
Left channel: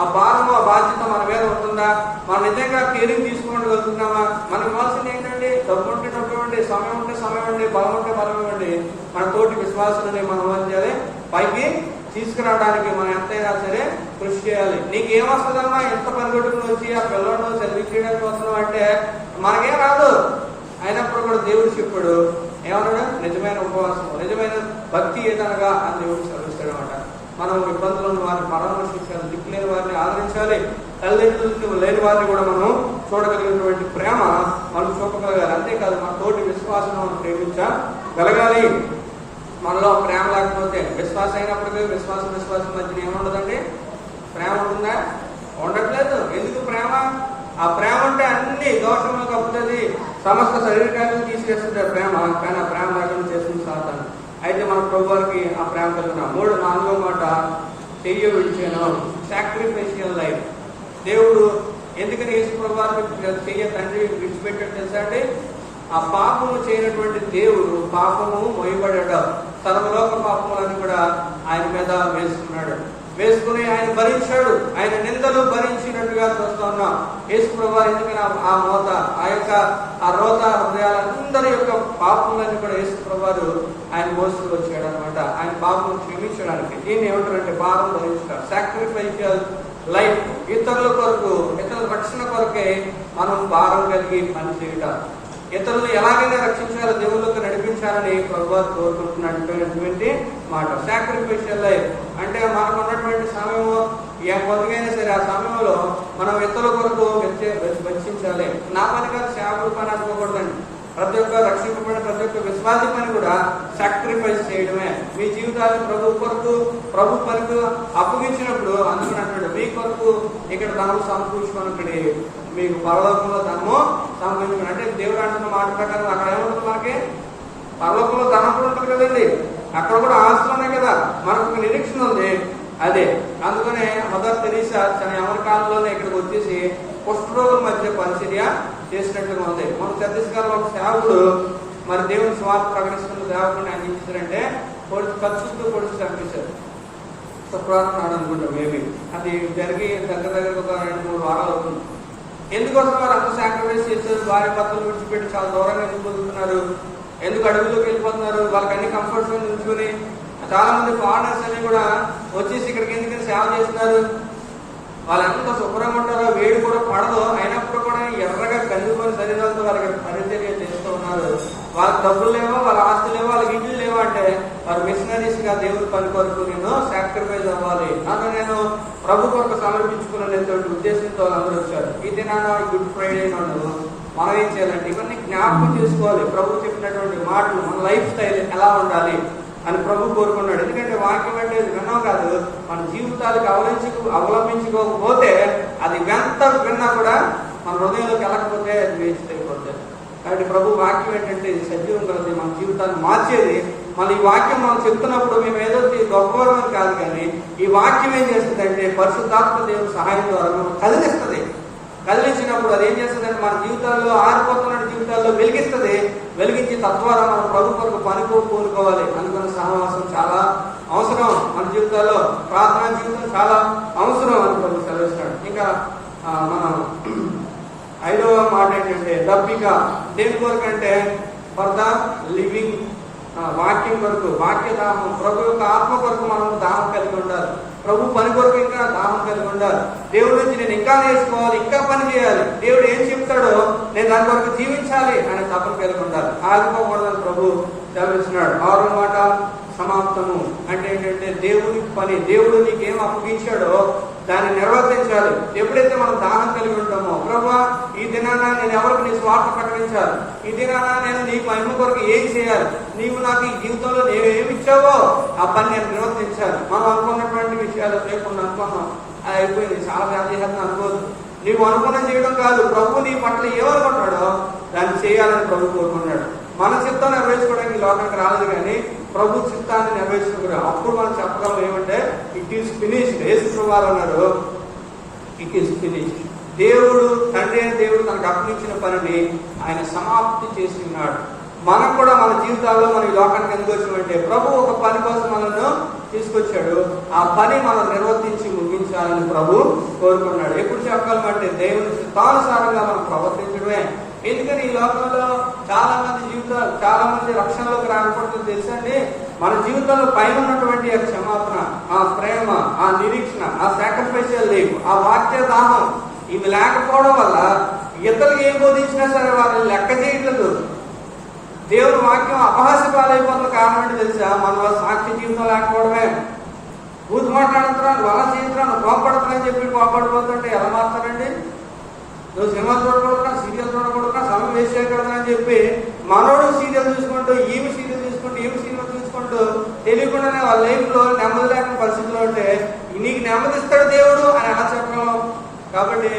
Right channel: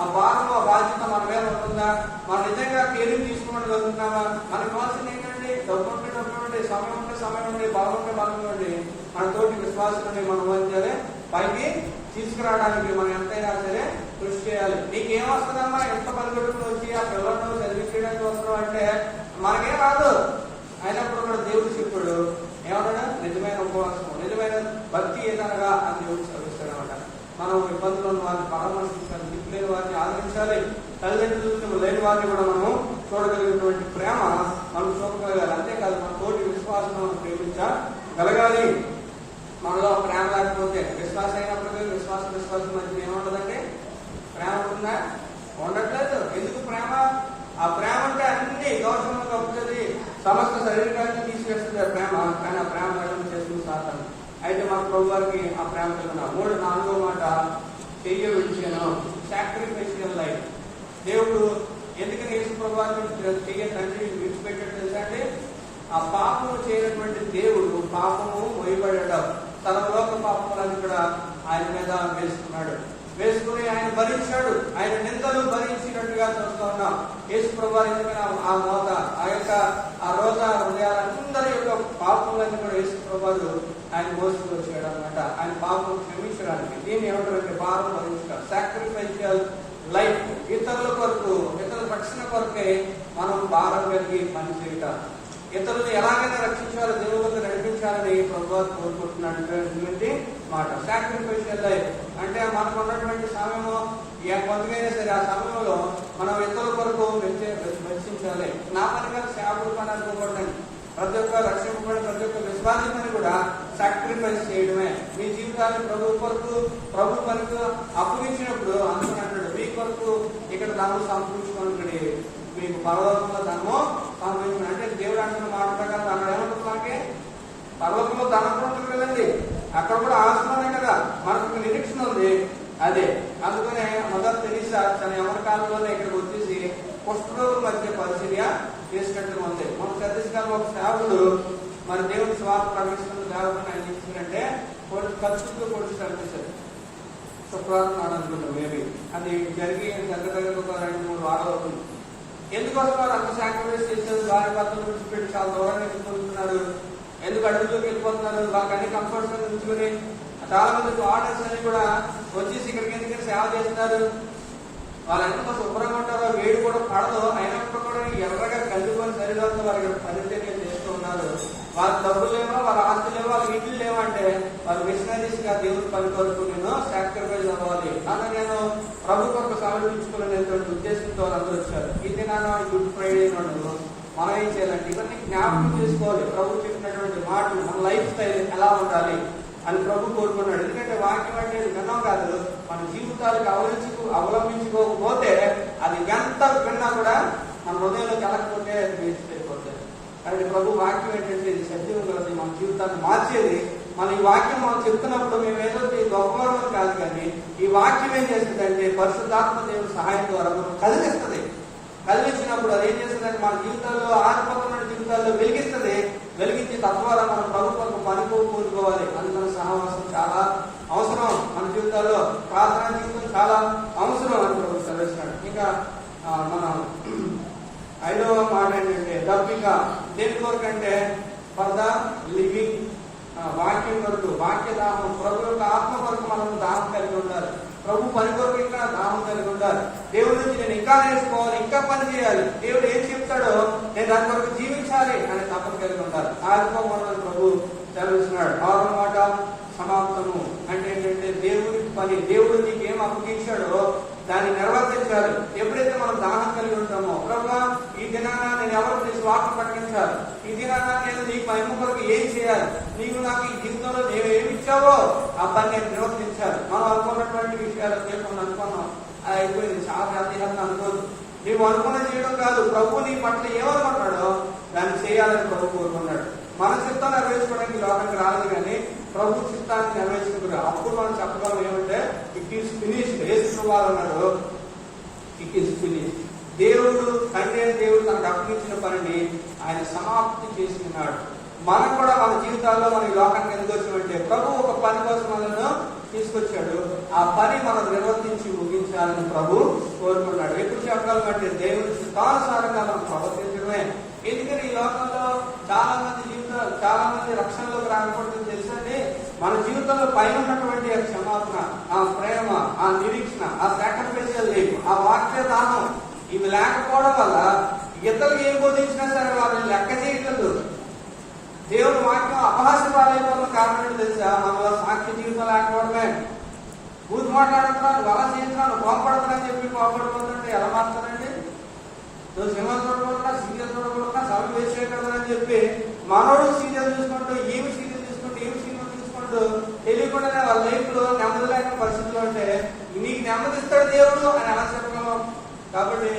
ఆ భారం, ఆ బాధ్యత మన మీద ఉంటుందా? మనం నిజంగా కేరింగ్ తీసుకోగలుగుతున్నామా? మనకు కావాల్సింది ఏంటంటే డబ్బు ఉంటే డబ్బు ఇవ్వండి, సమయం ఉంటే సమయం ఇవ్వండి, బలం ఉంటే బలం ఇవ్వండి. మన తోటి విశ్వాసాన్ని మనం ఏం చేయాలి? పైకి తీసుకురావడానికి మనం ఎంతైనా సరే కృషి చేయాలి. నీకేమొస్తుందమ్మా? ఎంత పనిగొట్టుకుని వచ్చి ఆ పిల్లలను చదివించడానికి వస్తున్నావు అంటే మనకేం రాదు. అయినప్పుడు కూడా దేవుడు చెప్పాడు ఏమన్నాడు? నిజమైన ఉపవాసం, నిజమైన భక్తి ఏదనగా అని దేవుడు సెలవిస్తాడు అనమాట. మనం ఇబ్బందులను వారిని పరామర్శించాలి, దిక్కు లేని వారిని ఆదరించాలి, తల్లిదండ్రులు లేని వారిని కూడా మనం చూడగలిగినటువంటి ప్రేమ మనం చూపగలగాలి. అంతేకాదు మన తోటి విశ్వాసం మనం ప్రేమించగలగాలి. మనలో ప్రేమ లేకపోతే విశ్వాసం అయినప్పటికీ విశ్వాసం మధ్య ఏముండదండి? ప్రేమ ఉందా? ఉండట్లేదు. ఎందుకు ప్రేమ? ఆ ప్రేమ అంటే అన్ని దోషంలో కప్పుతుంది, సమస్త శరీరాన్ని తీసుకేస్తుంది ఆ ప్రేమ. కానీ ఆ ప్రేమ లేకుండా చేస్తుంది సాతాను. అయితే మన ప్రభు వారికి ఆ ప్రేమ కలిగిన. నాలుగో మాట, చెయ్య విడిచాను, సాక్రిఫైషియల్ లైఫ్. దేవుడు ఎందుకని యేసు ప్రభు వారిని చెయ్య తండ్రి విడిచిపెట్టాడు తెలుసా అండి? ఆ పాపము చేయనటువంటి దేవుడు పాపము మోయబడ్డాడు. సర్వలోక పాపములని కూడా ఆయన మీద వేసుకుని ఆయన భరించాడు. ఆయన నిందలు భరించినట్టుగా చూస్తున్నాం. యేసు ప్రభువారు ఎందుకని ఆ మోత, ఆ రోత హృదయాలందరి యొక్క పాపములన్నీ కూడా యేసు ప్రభువారు ఆయన మోసుకు వచ్చాడు అనమాట. ఆయన పాపం క్షమించడానికి. దీన్ని ఏమంటారంటే భారం భరించడం, సాక్రిఫైషియల్ లైఫ్. ఇతరుల కొరకు, ఇతరుల రక్షణ కొరకే మనం భారం కలిగి పనిచేయటం. ఇతరులను ఎలాగైనా రక్షించాలో, దేవుళ్ళకు నడిపించాలని ప్రభువారు కోరుకుంటున్నటువంటి మాట. సాక్రిఫైషియల్ లైఫ్ అంటే మనకు ఉన్నటువంటి సమయము కొద్దిగైనా సరే ఆ సమయంలో మనం ఇతరుల కొరకు వెచ్చించాలి. నా పని కాదు, సేవకుడు పని అనుకోకూడదండి. ప్రతి ఒక్క రక్షింపబడిన ప్రతి ఒక్క విశ్వాసి పని కూడా సాక్రిఫైస్ చేయడమే. మీ జీవితాలు ప్రభు పనికి అప్పగించినప్పుడు అందుకని అంటాడు, మీ కొరకు ఇక్కడ ధనం సమకూర్చుకొని మీకు పరలోకంలో ధనము సంపాదించుకుని. అంటే దేవుడు అంటున్న మాట ప్రకారం అక్కడ ఏముంటుంది? నాకే పరలోకంలో ధనం కూడా ఉంటుంది కదండి, అక్కడ కూడా ఆస్తులు ఉన్నాయి కదా, మనకు నిరీక్షణ ఉంది. అదే అందుకనే మదర్ తెరీసా తన అమెరికాలోనే ఇక్కడికి వచ్చేసి కుష్ఠరోగుల మధ్య పరిచర్య చేసినట్టుగా ఉంది. మన ఛత్తీస్గఢ్లో ఒక సేవకుడు మరి దేవుని స్వార్థ ప్రకటిస్తున్న సేవకుని ఆయన ఇచ్చారంటే ఖర్చుతో పొడిచి కనిపించారు. శుక్రవారం అనుకుంటాం మేబీ, అది జరిగి దగ్గర ఒక 2-3 వారాలు అవుతుంది. ఎందుకోసం వారు అంత సాక్రిఫైస్ చేశారు? భార్య భర్తలు విడిచిపెట్టి చాలా దూరంగా వెళ్ళిపోతున్నారు. ఎందుకు అడవిలోకి వెళ్ళిపోతున్నారు? వాళ్ళకి అన్ని కంఫర్ట్స్ ఉంచుకొని చాలా మంది ఫారినర్స్ అన్ని కూడా వచ్చేసి ఇక్కడికి ఎందుకని సేవ చేస్తున్నారు. వాళ్ళు ఎంత శుభ్రంగా ఉంటారో, వేడి కూడా పడదు, అయినప్పుడు కూడా ఎర్రగా కలిగిపోయిన శరీరాలతో వాళ్ళకి పరిచర్య చేస్తూ ఉన్నారు. వాళ్ళకి డబ్బులు లేవో, వాళ్ళ ఆస్తులు లేవో, వాళ్ళకి ఇండ్లు లేవో అంటే వారు మిషనరీస్ గా దేవుడు పని కొరకు నేను సాక్రిఫైస్ అవ్వాలి, నన్ను నేను ప్రభు కొరకు సమర్పించుకునేటువంటి ఉద్దేశంతో అందరూ వచ్చారు. ఈ దినాన గుడ్ ఫ్రైడే నాడు మనం ఏం చేయాలంటే ఇవన్నీ జ్ఞాపకం చేసుకోవాలి. ప్రభు చెప్పినటువంటి మాటలు, మన లైఫ్ స్టైల్ ఎలా ఉండాలి అని ప్రభు కోరుకున్నాడు. ఎందుకంటే వాక్యం అంటే విన్నాం కాదు, మన జీవితాలకు అవలంబించుకోకపోతే అది ఎంత విన్నా కూడా మన హృదయంలోకి వెళ్ళకపోతే వేచి తెలిపోతుంది. కాబట్టి ప్రభు వాక్యం ఏంటంటే ఇది సజీవం కలిసి మన జీవితాన్ని మార్చేది. మన ఈ వాక్యం మనం చెప్తున్నప్పుడు మేము ఏదో గొప్పవారం కాదు, కానీ ఈ వాక్యం ఏం చేస్తుందంటే పరిశుద్ధాత్మ దేవుని సహాయం ద్వారా మనం కదిలిస్తుంది. కదిలించినప్పుడు అది ఏం చేస్తుందంటే మన జీవితాల్లో, ఆరిపోతున్న జీవితాల్లో వెలిగిస్తుంది. వెలిగించి తద్వారా మనం ప్రభు కొరకు కోరుకోవాలి. అందుకని సహవాసం చాలా అవసరం మన జీవితాల్లో, ప్రార్థనా జీవితం చాలా అవసరం అని ప్రభు సెలవిస్తాడు. ఇంకా మనం 5వ మాట ఏంటంటే దప్పిక. దేని కొరకు అంటే ఫర్ ద లివింగ్, వాక్యం కొరకు, వాక్య దాహం. ప్రభు యొక్క ఆత్మ కొరకు మనం దాహం కలిగి ఉండాలి. ప్రభు పని కొరకు ఇంకా దాహం కలిగి ఉండాలి. దేవుడి నుంచి నేను ఇంకా నేర్చుకోవాలి, ఇంకా పని చేయాలి, దేవుడు ఏం చెప్తాడో నేను దాని కొరకు జీవించాలి అనే తపన కలిగి ఉండాలి. ఆగిపోకూడదని ప్రభు చదివిస్తున్నాడు. 6వ మాట సమాప్తము. అంటే ఏంటంటే దేవుడి పని, దేవుడు నీకు ఏం అప్పగించాడో దాన్ని నిర్వర్తించాలి. ఎప్పుడైతే మనం దాహం కలిగి ఉంటామో, ప్రభువా ఈ దినాన నేను ఎవరికి నీ స్వార్థ ప్రకటించాలి, ఈ దినాన నేను నీ మహిమ కొరకు ఏం చేయాలి, నీవు నాకు ఈ జీవితంలో నేను ఏమి ఇచ్చావో ఆ పని నేను నిర్వర్తించాలి. మనం అనుకున్నటువంటి విషయాలు లేకుండా అనుకున్నాం, అది అయిపోయింది, చాలా వ్యాధిహరణ అనుకోదు. నీవు అనుకున్న చేయడం కాదు, ప్రభు నీ పట్ల ఏమనుకుంటాడో దాన్ని చేయాలని ప్రభు కోరుకున్నాడు. మన చిత్తం నెరవేర్చుకోవడానికి లోకానికి రాదు, కానీ ప్రభు చిత్తాన్ని నెరవేర్చుకున్నారు. అప్పుడు మనం చెప్పగలం ఏమంటే ఇట్ ఈస్ ఫినిష్డ్. యేసు వారు అన్నాడు ఇట్ ఈస్ ఫినిష్డ్. దేవుడు, తండ్రి అయిన దేవుడు తనకు అప్పగించిన పనిని ఆయన సమాప్తి చేసి ఉన్నాడు. మనం కూడా మన జీవితాల్లో మన లోకానికి ఎందుకు వచ్చామంటే ప్రభు ఒక పని కోసం మనల్ని తీసుకొచ్చాడు. ఆ పని మనం నిర్వర్తించి ముగించాలని ప్రభు కోరుకున్నాడు. ఎప్పుడు చెప్పగలమంటే దేవుని చిత్తానుసారంగా మనం ప్రవర్తించడమే. ఎందుకని ఈ లోకంలో చాలా మంది రక్షణలోకి రాకపోవడం తెలుసండి. మన జీవితంలో పైన ఉన్నటువంటి ఆ క్షమాపణ, ఆ ప్రేమ, ఆ నిరీక్షణ, ఆ సాక్రిఫైషియల్ లైఫ్, ఆ వాక్య దాహం, ఇవి లేకపోవడం వల్ల ఇతరులకు ఏం బోధించినా సరే వాళ్ళని లెక్క చేయట్లేదు. దేవుని వాక్యం అపహాస్య పాలైపోతున్న కారణం ఏంటి తెలుసా? మన సాక్షి జీవితం లేకపోవడమే. బూత్ మాట్లాడుతున్నాను, వల చేయించడానికి కోపడుతున్నాను చెప్పి కోపడిపోతుంటే ఎలా మాట్లాడండి? నువ్వు సినిమా చూడకూడదున్నా, సీరియల్ చూడకూడదున్నా, సమయం వేస్ట్ చేయకూడదని చెప్పి మనోడు సీరియల్ చూసుకుంటూ, ఈమె సీరియల్ చూసుకుంటూ, ఈమె సీరియల్ చూసుకుంటూ తెలియకుండానే వాళ్ళ లైఫ్ లో నెమ్మది లేకుండా పరిస్థితిలో ఉంటే నీకు నెమ్మదిస్తాడు దేవుడు అని ఆశపడం. కాబట్టి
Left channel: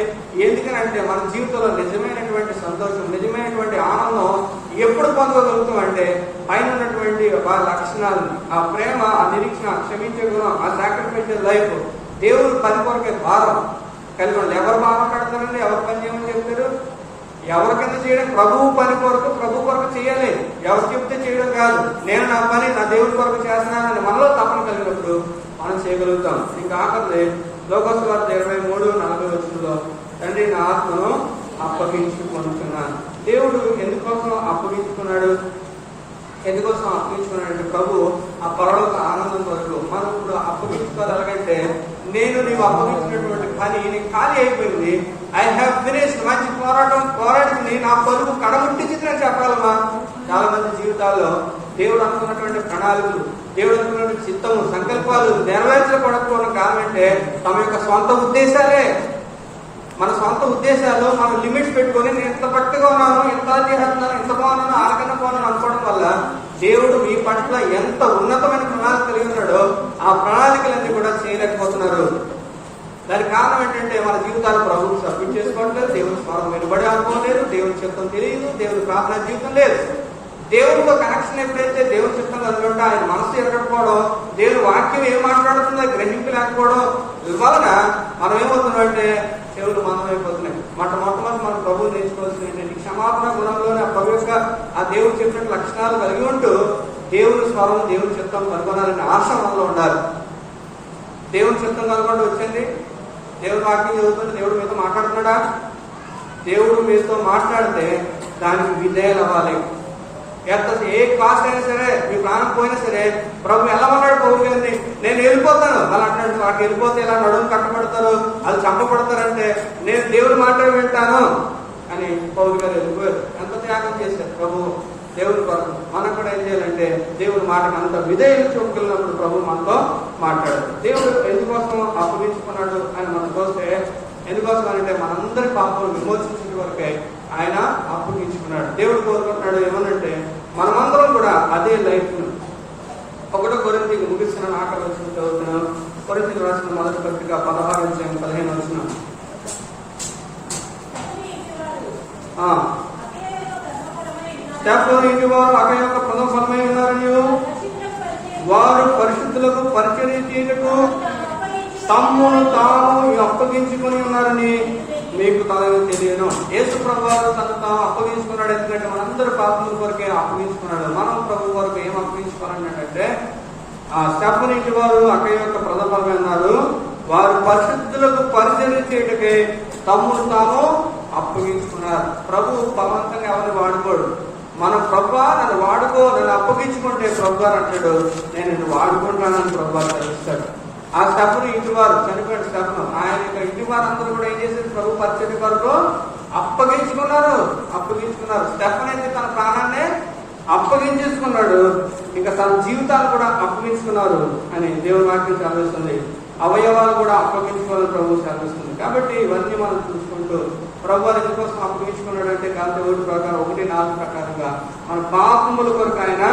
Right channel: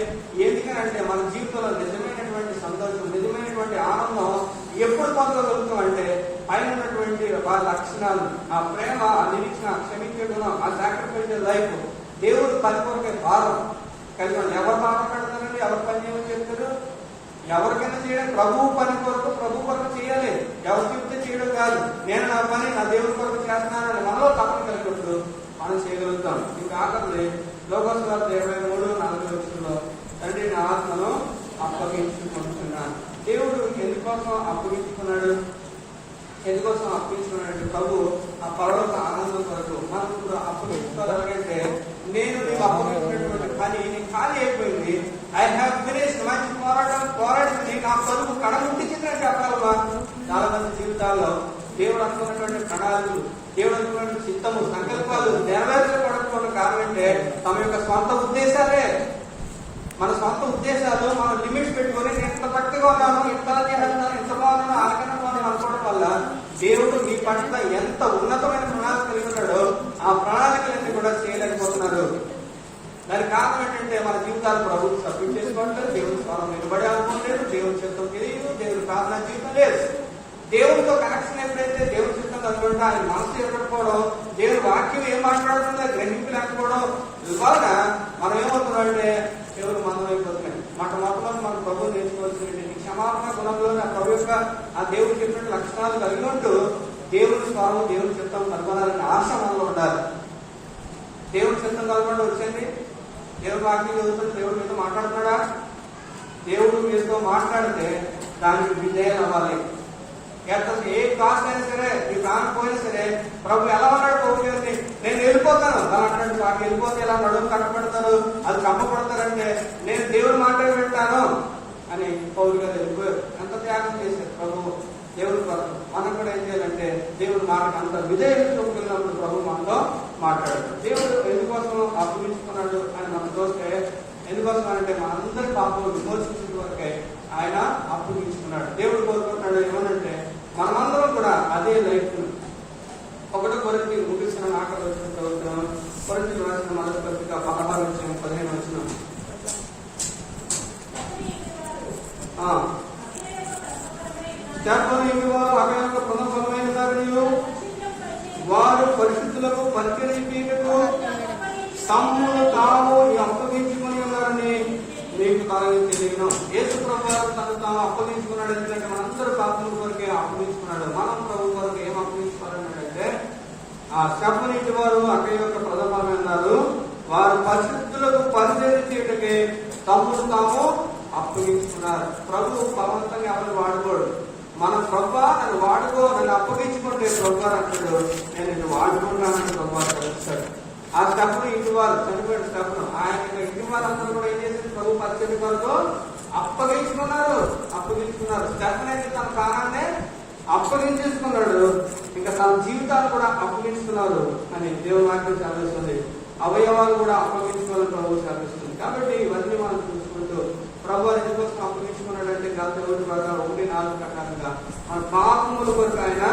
ఎందుకనంటే మన జీవితంలో నిజమైనటువంటి సంతోషం, నిజమైనటువంటి ఆనందం ఎప్పుడు పొందగలుగుతాం అంటే పైన ఉన్నటువంటి వాళ్ళ లక్షణాలు, ఆ ప్రేమ, ఆ నిరీక్షణ, క్షమించే గుణం, ఆ సాక్రిఫైషియల్ లైఫ్, దేవుడు పని కొరకే భారం కలిగి ఉంది. ఎవరు బాధపడతారండి? ఎవరు పని చేయమని చెప్తారు? ఎవరికైనా చేయడం ప్రభువు పని కొరకు, ప్రభు కొరకు చేయాలి. ఎవరు చెప్తే చేయడం కాదు. నేను నా పని నా దేవుడి కొరకు చేస్తున్నానని మనలో తపన కలిగినప్పుడు మనం చేయగలుగుతాం. ఇంకా ఆఖరి లోకస్వార్థ 23:4 తండ్రి నా ఆత్మను అప్పగించుకుంటున్నాను. దేవుడు ఎందుకోసం అప్పగించుకున్నాడు? ఎందుకోసం అప్పగించుకున్నాడంటే ప్రభు ఆ పరలోక ఆనందం కొరకు. మనం ఇప్పుడు అప్పగించుకోవాలి. ఎలాగంటే నేను నీవు అప్పగించినటువంటి పని నేను ఖాళీ అయిపోయింది, ఐ హ్యావ్ ఫినిష్డ్. మంచి పోరాటం నా పలుకు కడముట్టించిందని చెప్పాలమ్మా. చాలా మంది జీవితాల్లో దేవుడు అనుకున్నటువంటి ప్రణాళికలు, దేవుడు అనుకున్నటువంటి చిత్తము, సంకల్పాలు నెరవేర్చబడకపోవడం కారణంటే తమ యొక్క సొంత ఉద్దేశాలే. మన సొంత ఉద్దేశాలు మనం లిమిట్స్ పెట్టుకొని నేను ఇంత పట్టుగా ఉన్నాను, ఇంత చేస్తున్నాను, ఇంత బాగున్నాను, ఆకన్నా బాగున్నాను అనుకోవడం వల్ల దేవుడు మీ పట్ల ఎంత ఉన్నతమైన ప్రణాళిక కలిగి ఉన్నాడో ఆ ప్రణాళికలన్నీ కూడా చేయలేకపోతున్నారు. దానికి కారణం ఏంటంటే మన జీవితాలు ప్రభుత్వం సబ్మిట్ చేసుకోవట్లేదు, దేవుని స్వరం వెలుబడి అనుకోలేదు, దేవుని చిత్తం తెలియదు, దేవుని ప్రార్థన జీవితం లేదు. దేవునితో కనెక్షన్ ఎప్పుడైతే దేవుని చిత్తం కలుగుంటే ఆయన మనసు ఎరగకపోవడం, దేవుని వాక్యం ఏం మాట్లాడుతుందో గ్రహింపు లేకపోవడం వలన మనం ఏమవుతుందంటే దేవుడు మనం అయిపోతున్నాయి. మొట్టమొదటి మనం ప్రభువు నేర్చుకోవాల్సింది క్షమాపణ గుణంలోనే ఆ ప్రభు యొక్క ఆ దేవుడు చెప్పిన లక్షణాలు కలిగి ఉంటూ దేవుని స్వరం దేవుని చిత్తం కనుగొనాలనే ఆశ మనలో ఉండాలి. దేవుని చిత్తం కనుగొండి వచ్చింది, దేవుడు వాక్యం చదువుతుంటే దేవుడు మీతో మాట్లాడుతున్నాడా? దేవుడు మీతో మాట్లాడితే దానికి విధేయాలు అవ్వాలి. ఏ కాస్ట్ అయినా సరే, మీ ప్రాణం పోయినా సరే ప్రభు ఎలా అన్నాడు? ప్రభు గారిని నేను వెళ్ళిపోతాను వాళ్ళు అంటాడు. వాటికి వెళ్ళిపోతే ఎలా నడుము కట్టబడతారు, అది చంపబడతారంటే నేను దేవుడు మాట్లాడి వింటాను అని పౌలు గారు వెళ్ళిపోయారు. ఎంత త్యాగం చేశారు ప్రభు దేవుడి కోసం. మనం కూడా ఏం చేయాలంటే దేవుడి మాటకి అంత విధేయత చూపుకున్నప్పుడు ప్రభు మనతో మాట్లాడారు. దేవుడు ఎందుకోసం అప్పగించుకున్నాడు అని మనం చూస్తే, ఎందుకోసం అంటే మనందరి పాపలు విమోచించిన వరకే ఆయన అప్పగించుకున్నాడు. దేవుడు కోరుకుంటున్నాడు ఏమనంటే మనమందరం కూడా అదే లైఫ్. 1 కొరింథీ ముగిసిన ఆఖరి వచ్చిన చదువుతున్నాను. కొరింథీ రాసిన మొదటి పత్రిక 16-15 వచ్చిన వారు అక్కడ యొక్క ప్రథమఫలమై ఉన్నారు. మీరు వారు పరిశుద్ధులకు పరిచర్య చేయటకు తమ్మును తాము అప్పగించుకుని ఉన్నారని మీకు తనకు తెలియను. యేసు ప్రభువు తను తాను అప్పగించుకున్నాడు. ఎందుకంటే మనందరి పాపముల కొరకే అప్పగించుకున్నాడు. మనం ప్రభు వరకు ఏం అప్పగించుకున్నాడు అంటే స్టెఫనీ వారు అక్కడ యొక్క ప్రథమఫలమై ఉన్నారు. వారు పరిశుద్ధులకు పరిచర్య చేయటకే తమ్మును తాము అప్పగించుకున్నారు. ప్రభు బలవంతంగా ఎవరిని వాడుకోడు. మన ప్రభు నన్ను వాడుకో, నన్ను అప్పగించుకుంటే ప్రభు అంటాడు నేను నిన్ను వాడుకుంటానని ప్రభు తెలుస్తాడు. ఆ స్టెఫను ఇంటి వారు చనిపోయాడు. స్టెఫను ఆయన యొక్క ఇంటి వారందరూ కూడా ఏం చేసింది? ప్రభు పరిచర్య వరకు అప్పగించుకున్నారు. స్టెఫన్ అయితే తన ప్రాణాన్ని అప్పగించేసుకున్నాడు, ఇంకా తన జీవితాలు కూడా అప్పగించుకున్నారు అని దేవుని వాక్యం చదివిస్తుంది. అవయవాలు కూడా అప్పగించుకోవాలని ప్రభు శాపిస్తుంది. కాబట్టి ఇవన్నీ మనం చూసుకుంటూ ప్రభు ఎందుకోసం అప్పగించుకున్నాడు అంటే కాంతి 1 ప్రకారం 1:4 ప్రకారంగా మన పాపముల కొరకు ఆయన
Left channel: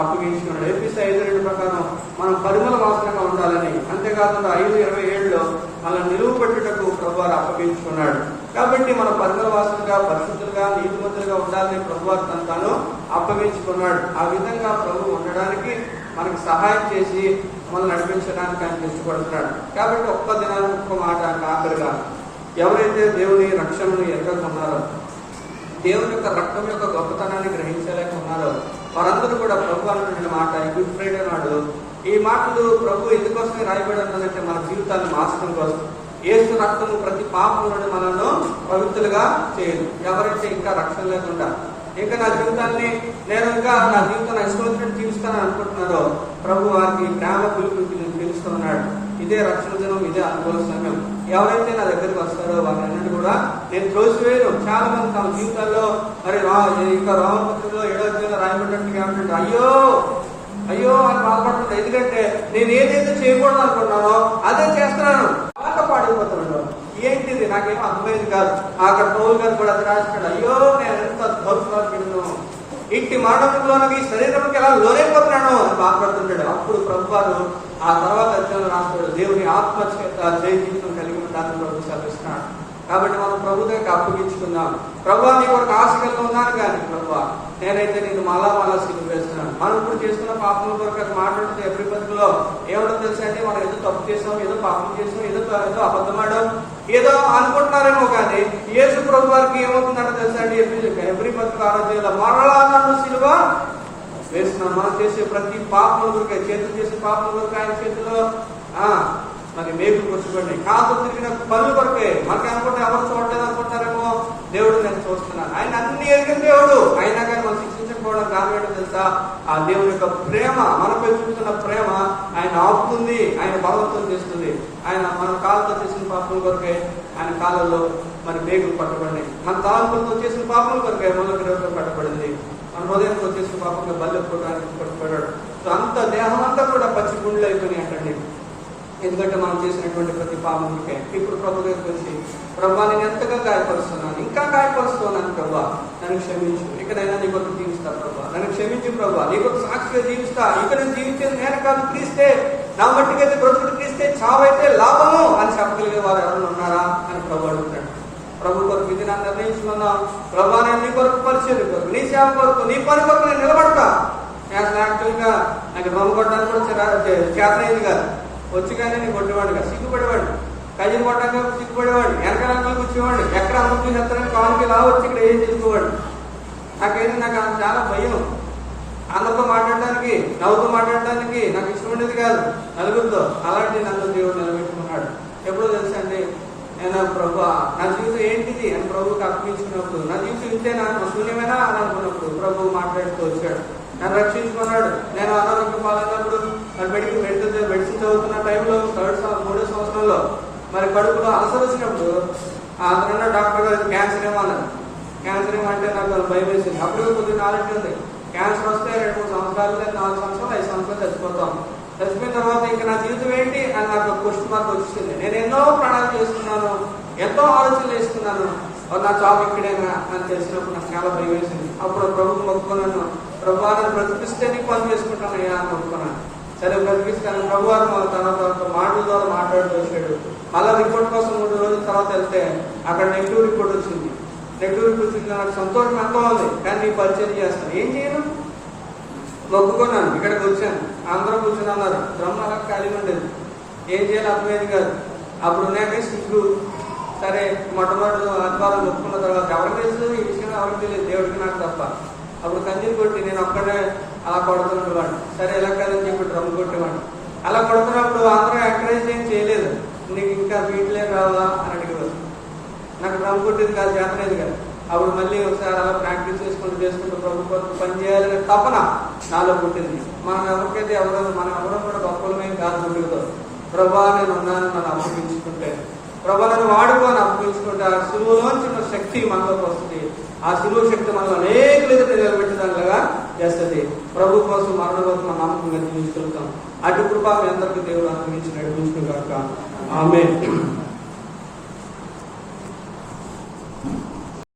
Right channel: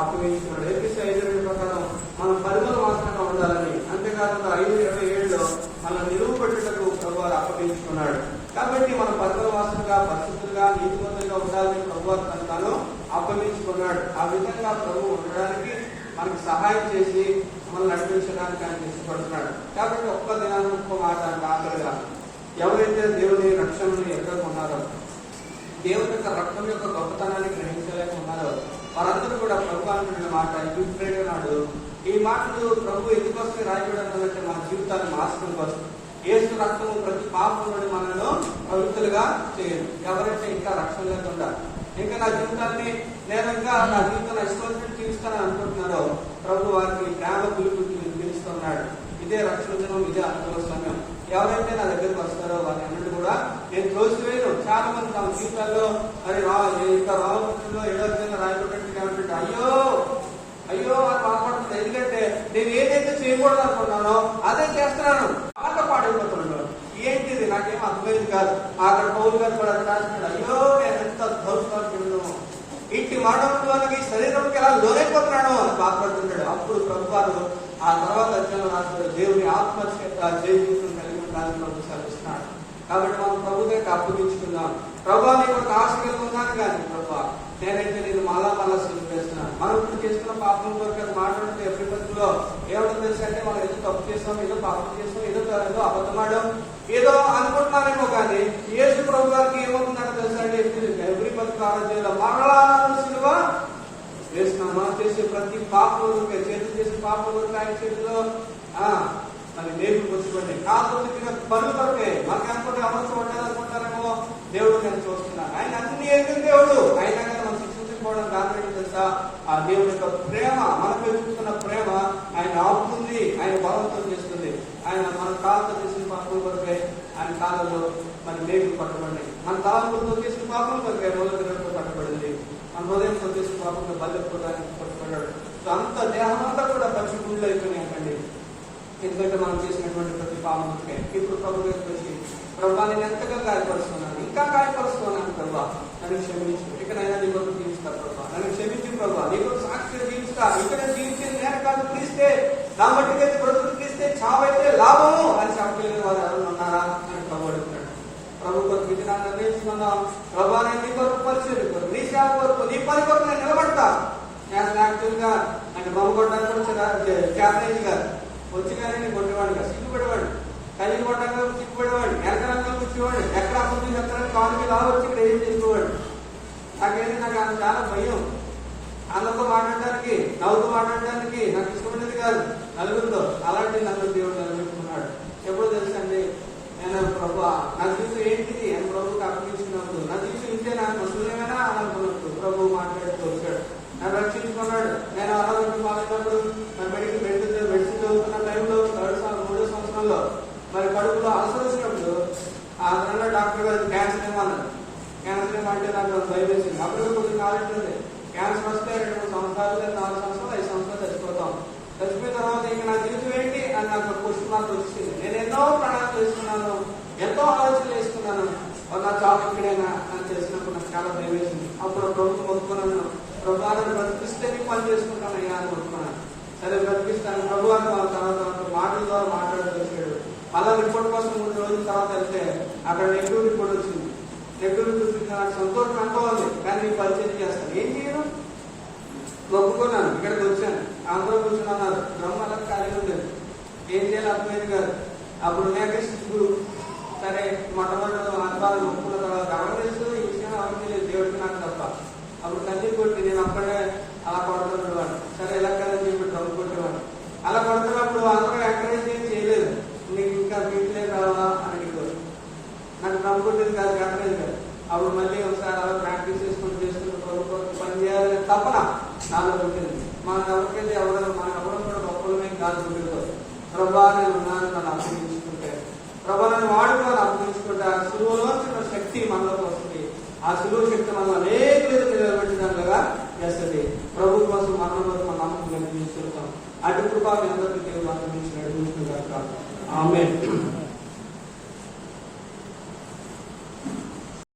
అప్పగించుకున్నాడు. ఎఫెసీ 5:2 ప్రకారం మనం పరిమళ వాసనగా ఉండాలని, అంతేకాకుండా 5:27 మన నిలువ పట్టుటకు ప్రభు అప్పగించుకున్నాడు. కాబట్టి మనం పరిమళ వాసనగా పరిశుద్ధులుగా నీతివంతులుగా ఉండాలని ప్రభు తను అప్పగించుకున్నాడు. ఆ విధంగా ప్రభు ఉండడానికి మనకి సహాయం చేసి మనల్ని నడిపించడానికి ఆయన ఇష్టపడుతున్నాడు. కాబట్టి ఒక్క దినానికి ఒక్క మాట ఆఖరిగా ఎవరైతే దేవుని రక్షణను ఎదుర్కొన్నారో, దేవుని యొక్క రక్తం యొక్క గొప్పతనాన్ని గ్రహించలేకున్నారో వారందరూ కూడా ప్రభు అంటున్న మాట గుడ్ ఫ్రైడే నాడు ఈ మాటలు ప్రభు ఎందుకోసమే రాయబడుతుందంటే మన జీవితాన్ని మార్చడం కోసం. యేసు రక్తము ప్రతి పాపంలోని మనల్ని పవిత్రులుగా చేయదు. ఎవరైతే ఇంకా రక్షణ లేకుండా ఇంకా నా జీవితాన్ని నేను ఇంకా నా జీవితాన్ని ఇష్టం జీవిస్తానని అనుకుంటున్నారో ప్రభు వారికి ప్రేమ పిలుపు పిలుస్తున్నాడు. ఇదే రక్షణ జనం, ఇదే అనుభవ సమయం. ఎవరైతే నా దగ్గరికి వస్తారో వారిని కూడా నేను తోసివేయను. చాలా మంది తమ జీవితాల్లో ఇంకా రామపత్రికలో 7వ రాయబడినట్టుగా ఏమంటే అయ్యో అని బాధపడుతుంది. ఎందుకంటే నేను ఏదైతే చేయకూడదు అనుకున్నానో అదే చేస్తున్నాను, పాడైపోతున్నాను. ఏంటిది నాకేమో అర్థమైంది కాదు. అక్కడ పౌలు గారు కూడా రాసినాడు, అయ్యో నేను ఎంత దౌర్భాగ్యుడు, ఇంటి మరణంలోని శరీరంకి ఎలా లోనైపోతున్నాను అని బాధపడుతుంటాడు. అప్పుడు ప్రభు వారు ఆ తర్వాత అధ్యయనం రాస్తాడు, దేవుని ఆత్మచేత జీవితం కలిగి ఉంటానని ప్రభు సెలవిస్తున్నాడు. కాబట్టి మనం ప్రభు దగ్గరికి అప్పగించుకుందాం. ప్రభు నీ ఒక ఆశ కలిగి ఉన్నాను కానీ ప్రభు నేనైతే నేను మళ్ళా సిద్ధం చేస్తున్నాను. మనం ఇప్పుడు చేస్తున్న పాపం కొరకు మాట్లాడుతూ ఎవ్రీ పద్ధతిలో ఏమన్నా తెలుసు అంటే మనం ఏదో తప్పు చేస్తాం, ఏదో పాపం చేస్తాం, ఏదో అబద్ధమాడడం ఏదో అనుకుంటున్నారేమో కానీ యేసు ప్రభు వారికి ఏమవుతున్నారో తెలుసా అండి? ఎవ్రీ పద్ధతి ఆరోగ్యంలో మరలా నన్ను సిలువ వేస్తున్నాను. మనం చేసే ప్రతి పాపం చేతులు చేసే పాపం ఆయన చేతిలో మరి మేలు కూర్చుకోండి. కాదు తిరిగిన పనులు కొరకే మనకి అనుకుంటే ఎవరు చూడలేదు అనుకుంటారేమో. దేవుడు నేను చూస్తున్నాను, ఆయన అన్ని ఎరిగిన దేవుడు. అయినా కానీ మనం శిక్షించకపోవడం కారణం తెలుసా? ఆ దేవుని యొక్క ప్రేమ, మనపై చూస్తున్న ప్రేమ ఆయన ఆపుతుంది, ఆయన బలవంతం చేస్తుంది. ఆయన మన కాళ్ళతో చేసిన పాపం కొరకే ఆయన కాళ్ళలో మన మేగులు పట్టబడి, మన తాలూకులతో చేసిన పాపం కొరకే మొదటి రోజులు పట్టబడింది. మన హృదయంతో చేసిన పాపంగా బల్లెపోవడానికి పట్టబడ్డాడు. సో అంత దేహం అంతా కూడా పచ్చి గుండెలు అయిపోయినాయి అక్కడి. ఎందుకంటే మనం చేసినటువంటి ప్రతి పాపంకే ఇప్పుడు ప్రభు వచ్చి ప్రభా నేను ఎంతగా గాయపరుస్తున్నాను, ఇంకా గాయపరుస్తున్నాను ప్రభా, నన్ను క్షమించు, ఇకనైనా నీ కొరకు జీవిస్తా ప్రభా, నన్ను క్షమించు ప్రభా, నీ కొరకు సాక్షిగా జీవిస్తా. ఇక్కడ నేను జీవించేది నేను కాదు, క్రీస్తే నా మట్టికైతే బ్రతుకు క్రీస్తే బ్రతికితే చావైతే లాభము అని చెప్పగలిగే వారు ఎవరు ఉన్నారా అని ప్రభు అడుగుతాడు. ప్రభు కొరకు ఇది నన్ను నిర్ణయించుకున్నాం, ప్రభా నేను నీ కొరకు పరిచయం కొరకు, నీ సేవ కొరకు, నీ పని కొరకు నేను నిలబడతా. నేను యాక్టివ్గా నాకు డ్రమ్ కొట్టడానికి కూడా చేతనైంది కాదు. వచ్చి కానీ నేను కొట్టేవాడిగా, సిగ్గుపడేవాడిని, కయ్యలు కొట్టగా సిగ్గుపడేవాడిని, వెనకాల కూర్చోవాడిని, ఎక్కడ అమ్ముతుంది చెప్తానని కాలుకి రావచ్చు, ఇక్కడ ఏం చేసుకోవాడు. నాకేంటి నాకు చాలా భయం. అన్నతో మాట్లాడడానికి, నవ్వుతో మాట్లాడడానికి నాకు ఇష్టం ఉండేది కాదు నలుగురితో. అలాంటి నన్ను దేవుడు నిలబెట్టుకున్నాడు. ఎప్పుడో తెలుసండి, నేను ప్రభు నా జీవితం ఏంటిది అని ప్రభువుకి అర్పించుకున్నప్పుడు, నా జీవితం ఇంతే నాకు శూన్యమైనా అని అనుకున్నప్పుడు ప్రభు మాట్లాడుతూ వచ్చాడు, నన్ను రక్షించుకున్నాడు. నేను అనారోగ్యం పాలైనప్పుడు మెడిసిన్ చదువుతున్న టైంలో 3వ సంవత్సరంలో మరి కడుపులో అలసర వచ్చినప్పుడు అతనున్న డాక్టర్ గారు క్యాన్సర్ ఏమో అన్నారు. క్యాన్సర్ ఏమంటే నాకు భయం వేసింది. అప్పుడు కొద్దిగా నాలెడ్జ్ ఉంది. క్యాన్సర్ వస్తే 2-3 సంవత్సరాలు, 4 సంవత్సరాలు, 5 సంవత్సరాలు చచ్చిపోతాం. చచ్చిపోయిన తర్వాత ఇంకా నా జీవితం ఏంటి అని నాకు క్వశ్చన్ మార్క్ వచ్చింది. నేను ఎన్నో ప్రణాళికలు చేసుకున్నాను, ఎంతో ఆలోచనలు వేసుకున్నాను, నా జాబ్ ఎక్కడైనా అని తెలిసినప్పుడు నాకు చాలా భయం వేసింది. అప్పుడు ప్రభుత్వం మొక్కున్నాను, ప్రభువారిని బ్రతికిస్తే నీకు పని చేసుకుంటాను అని మొక్కున్నాను. సరే బ్రతికిస్తాను. ప్రభువారు తన మాటల ద్వారా మాట్లాడుతూ వచ్చాడు. మళ్ళా రిపోర్ట్ కోసం 3 రోజుల తర్వాత వెళ్తే అక్కడ నెగిటివ్ రిపోర్ట్ వచ్చింది. నెగిటివ్ రిపోర్ట్ నాకు సంతోషం ఎంతో ఉంది, కానీ నీకు పరిచయం చేస్తాను. ఏం చేయను, మొక్కుకున్నాను. ఇక్కడికి వచ్చాను, అందరూ కూర్చున్నారు, డ్రమ్ అలా ఖాళీ ఉండేది. ఏం చేయాలి అర్థమైంది కాదు. అప్పుడు ఉన్నాక సిగ్గు. సరే మొట్టమొదటి అనుభవాలు మొక్కుకున్న తర్వాత ఎవరికి తెలిసింది ఈ విషయం, ఎవరికి తెలియదు, దేవుడికి నాకు తప్ప. అప్పుడు కంది కొట్టి నేను ఒక్కడే అలా కొడుతున్నవాడిని. సరే ఇలా కదని చెప్పి డ్రమ్ కొట్టేవాడిని. అలా కొడుతున్నప్పుడు అందరూ ఎంకరేజ్ ఏం చేయలేదు. నీకు ఇంకా వీటిలే కావాలా అని అడిగారు. నాకు డ్రమ్ కొట్టేది కాదు, చేతలేదు కాదు. అప్పుడు మళ్ళీ ఒకసారి అలా ప్రాక్టీస్ చేసుకుంటూ ప్రభు కొరకు పని చేయాలని తపన నాలో పుట్టింది. మనం ఎవరికైతే మనం ఎవరం కూడా గొప్పలమే కాదు. గుడితో ప్రభా నేను ఉన్నానని మనం అప్పగించుకుంటే, ప్రభా నన్ను వాడుకోని అప్పగించుకుంటే ఆ సులువులోంచి ఉన్న శక్తి మనలోకి వస్తుంది. ఆ సులువు శక్తి మనం అనేక విధంగా నిలబెట్టేదానిలాగా చేస్తుంది. ప్రభు కోసం మరణ కోసం మన నమ్మకం నిర్మిస్తుంటాం. అటు కృప ఎందరికీ దేవుడు అందించి నడిపించుకుంటారు. ఆమేన్.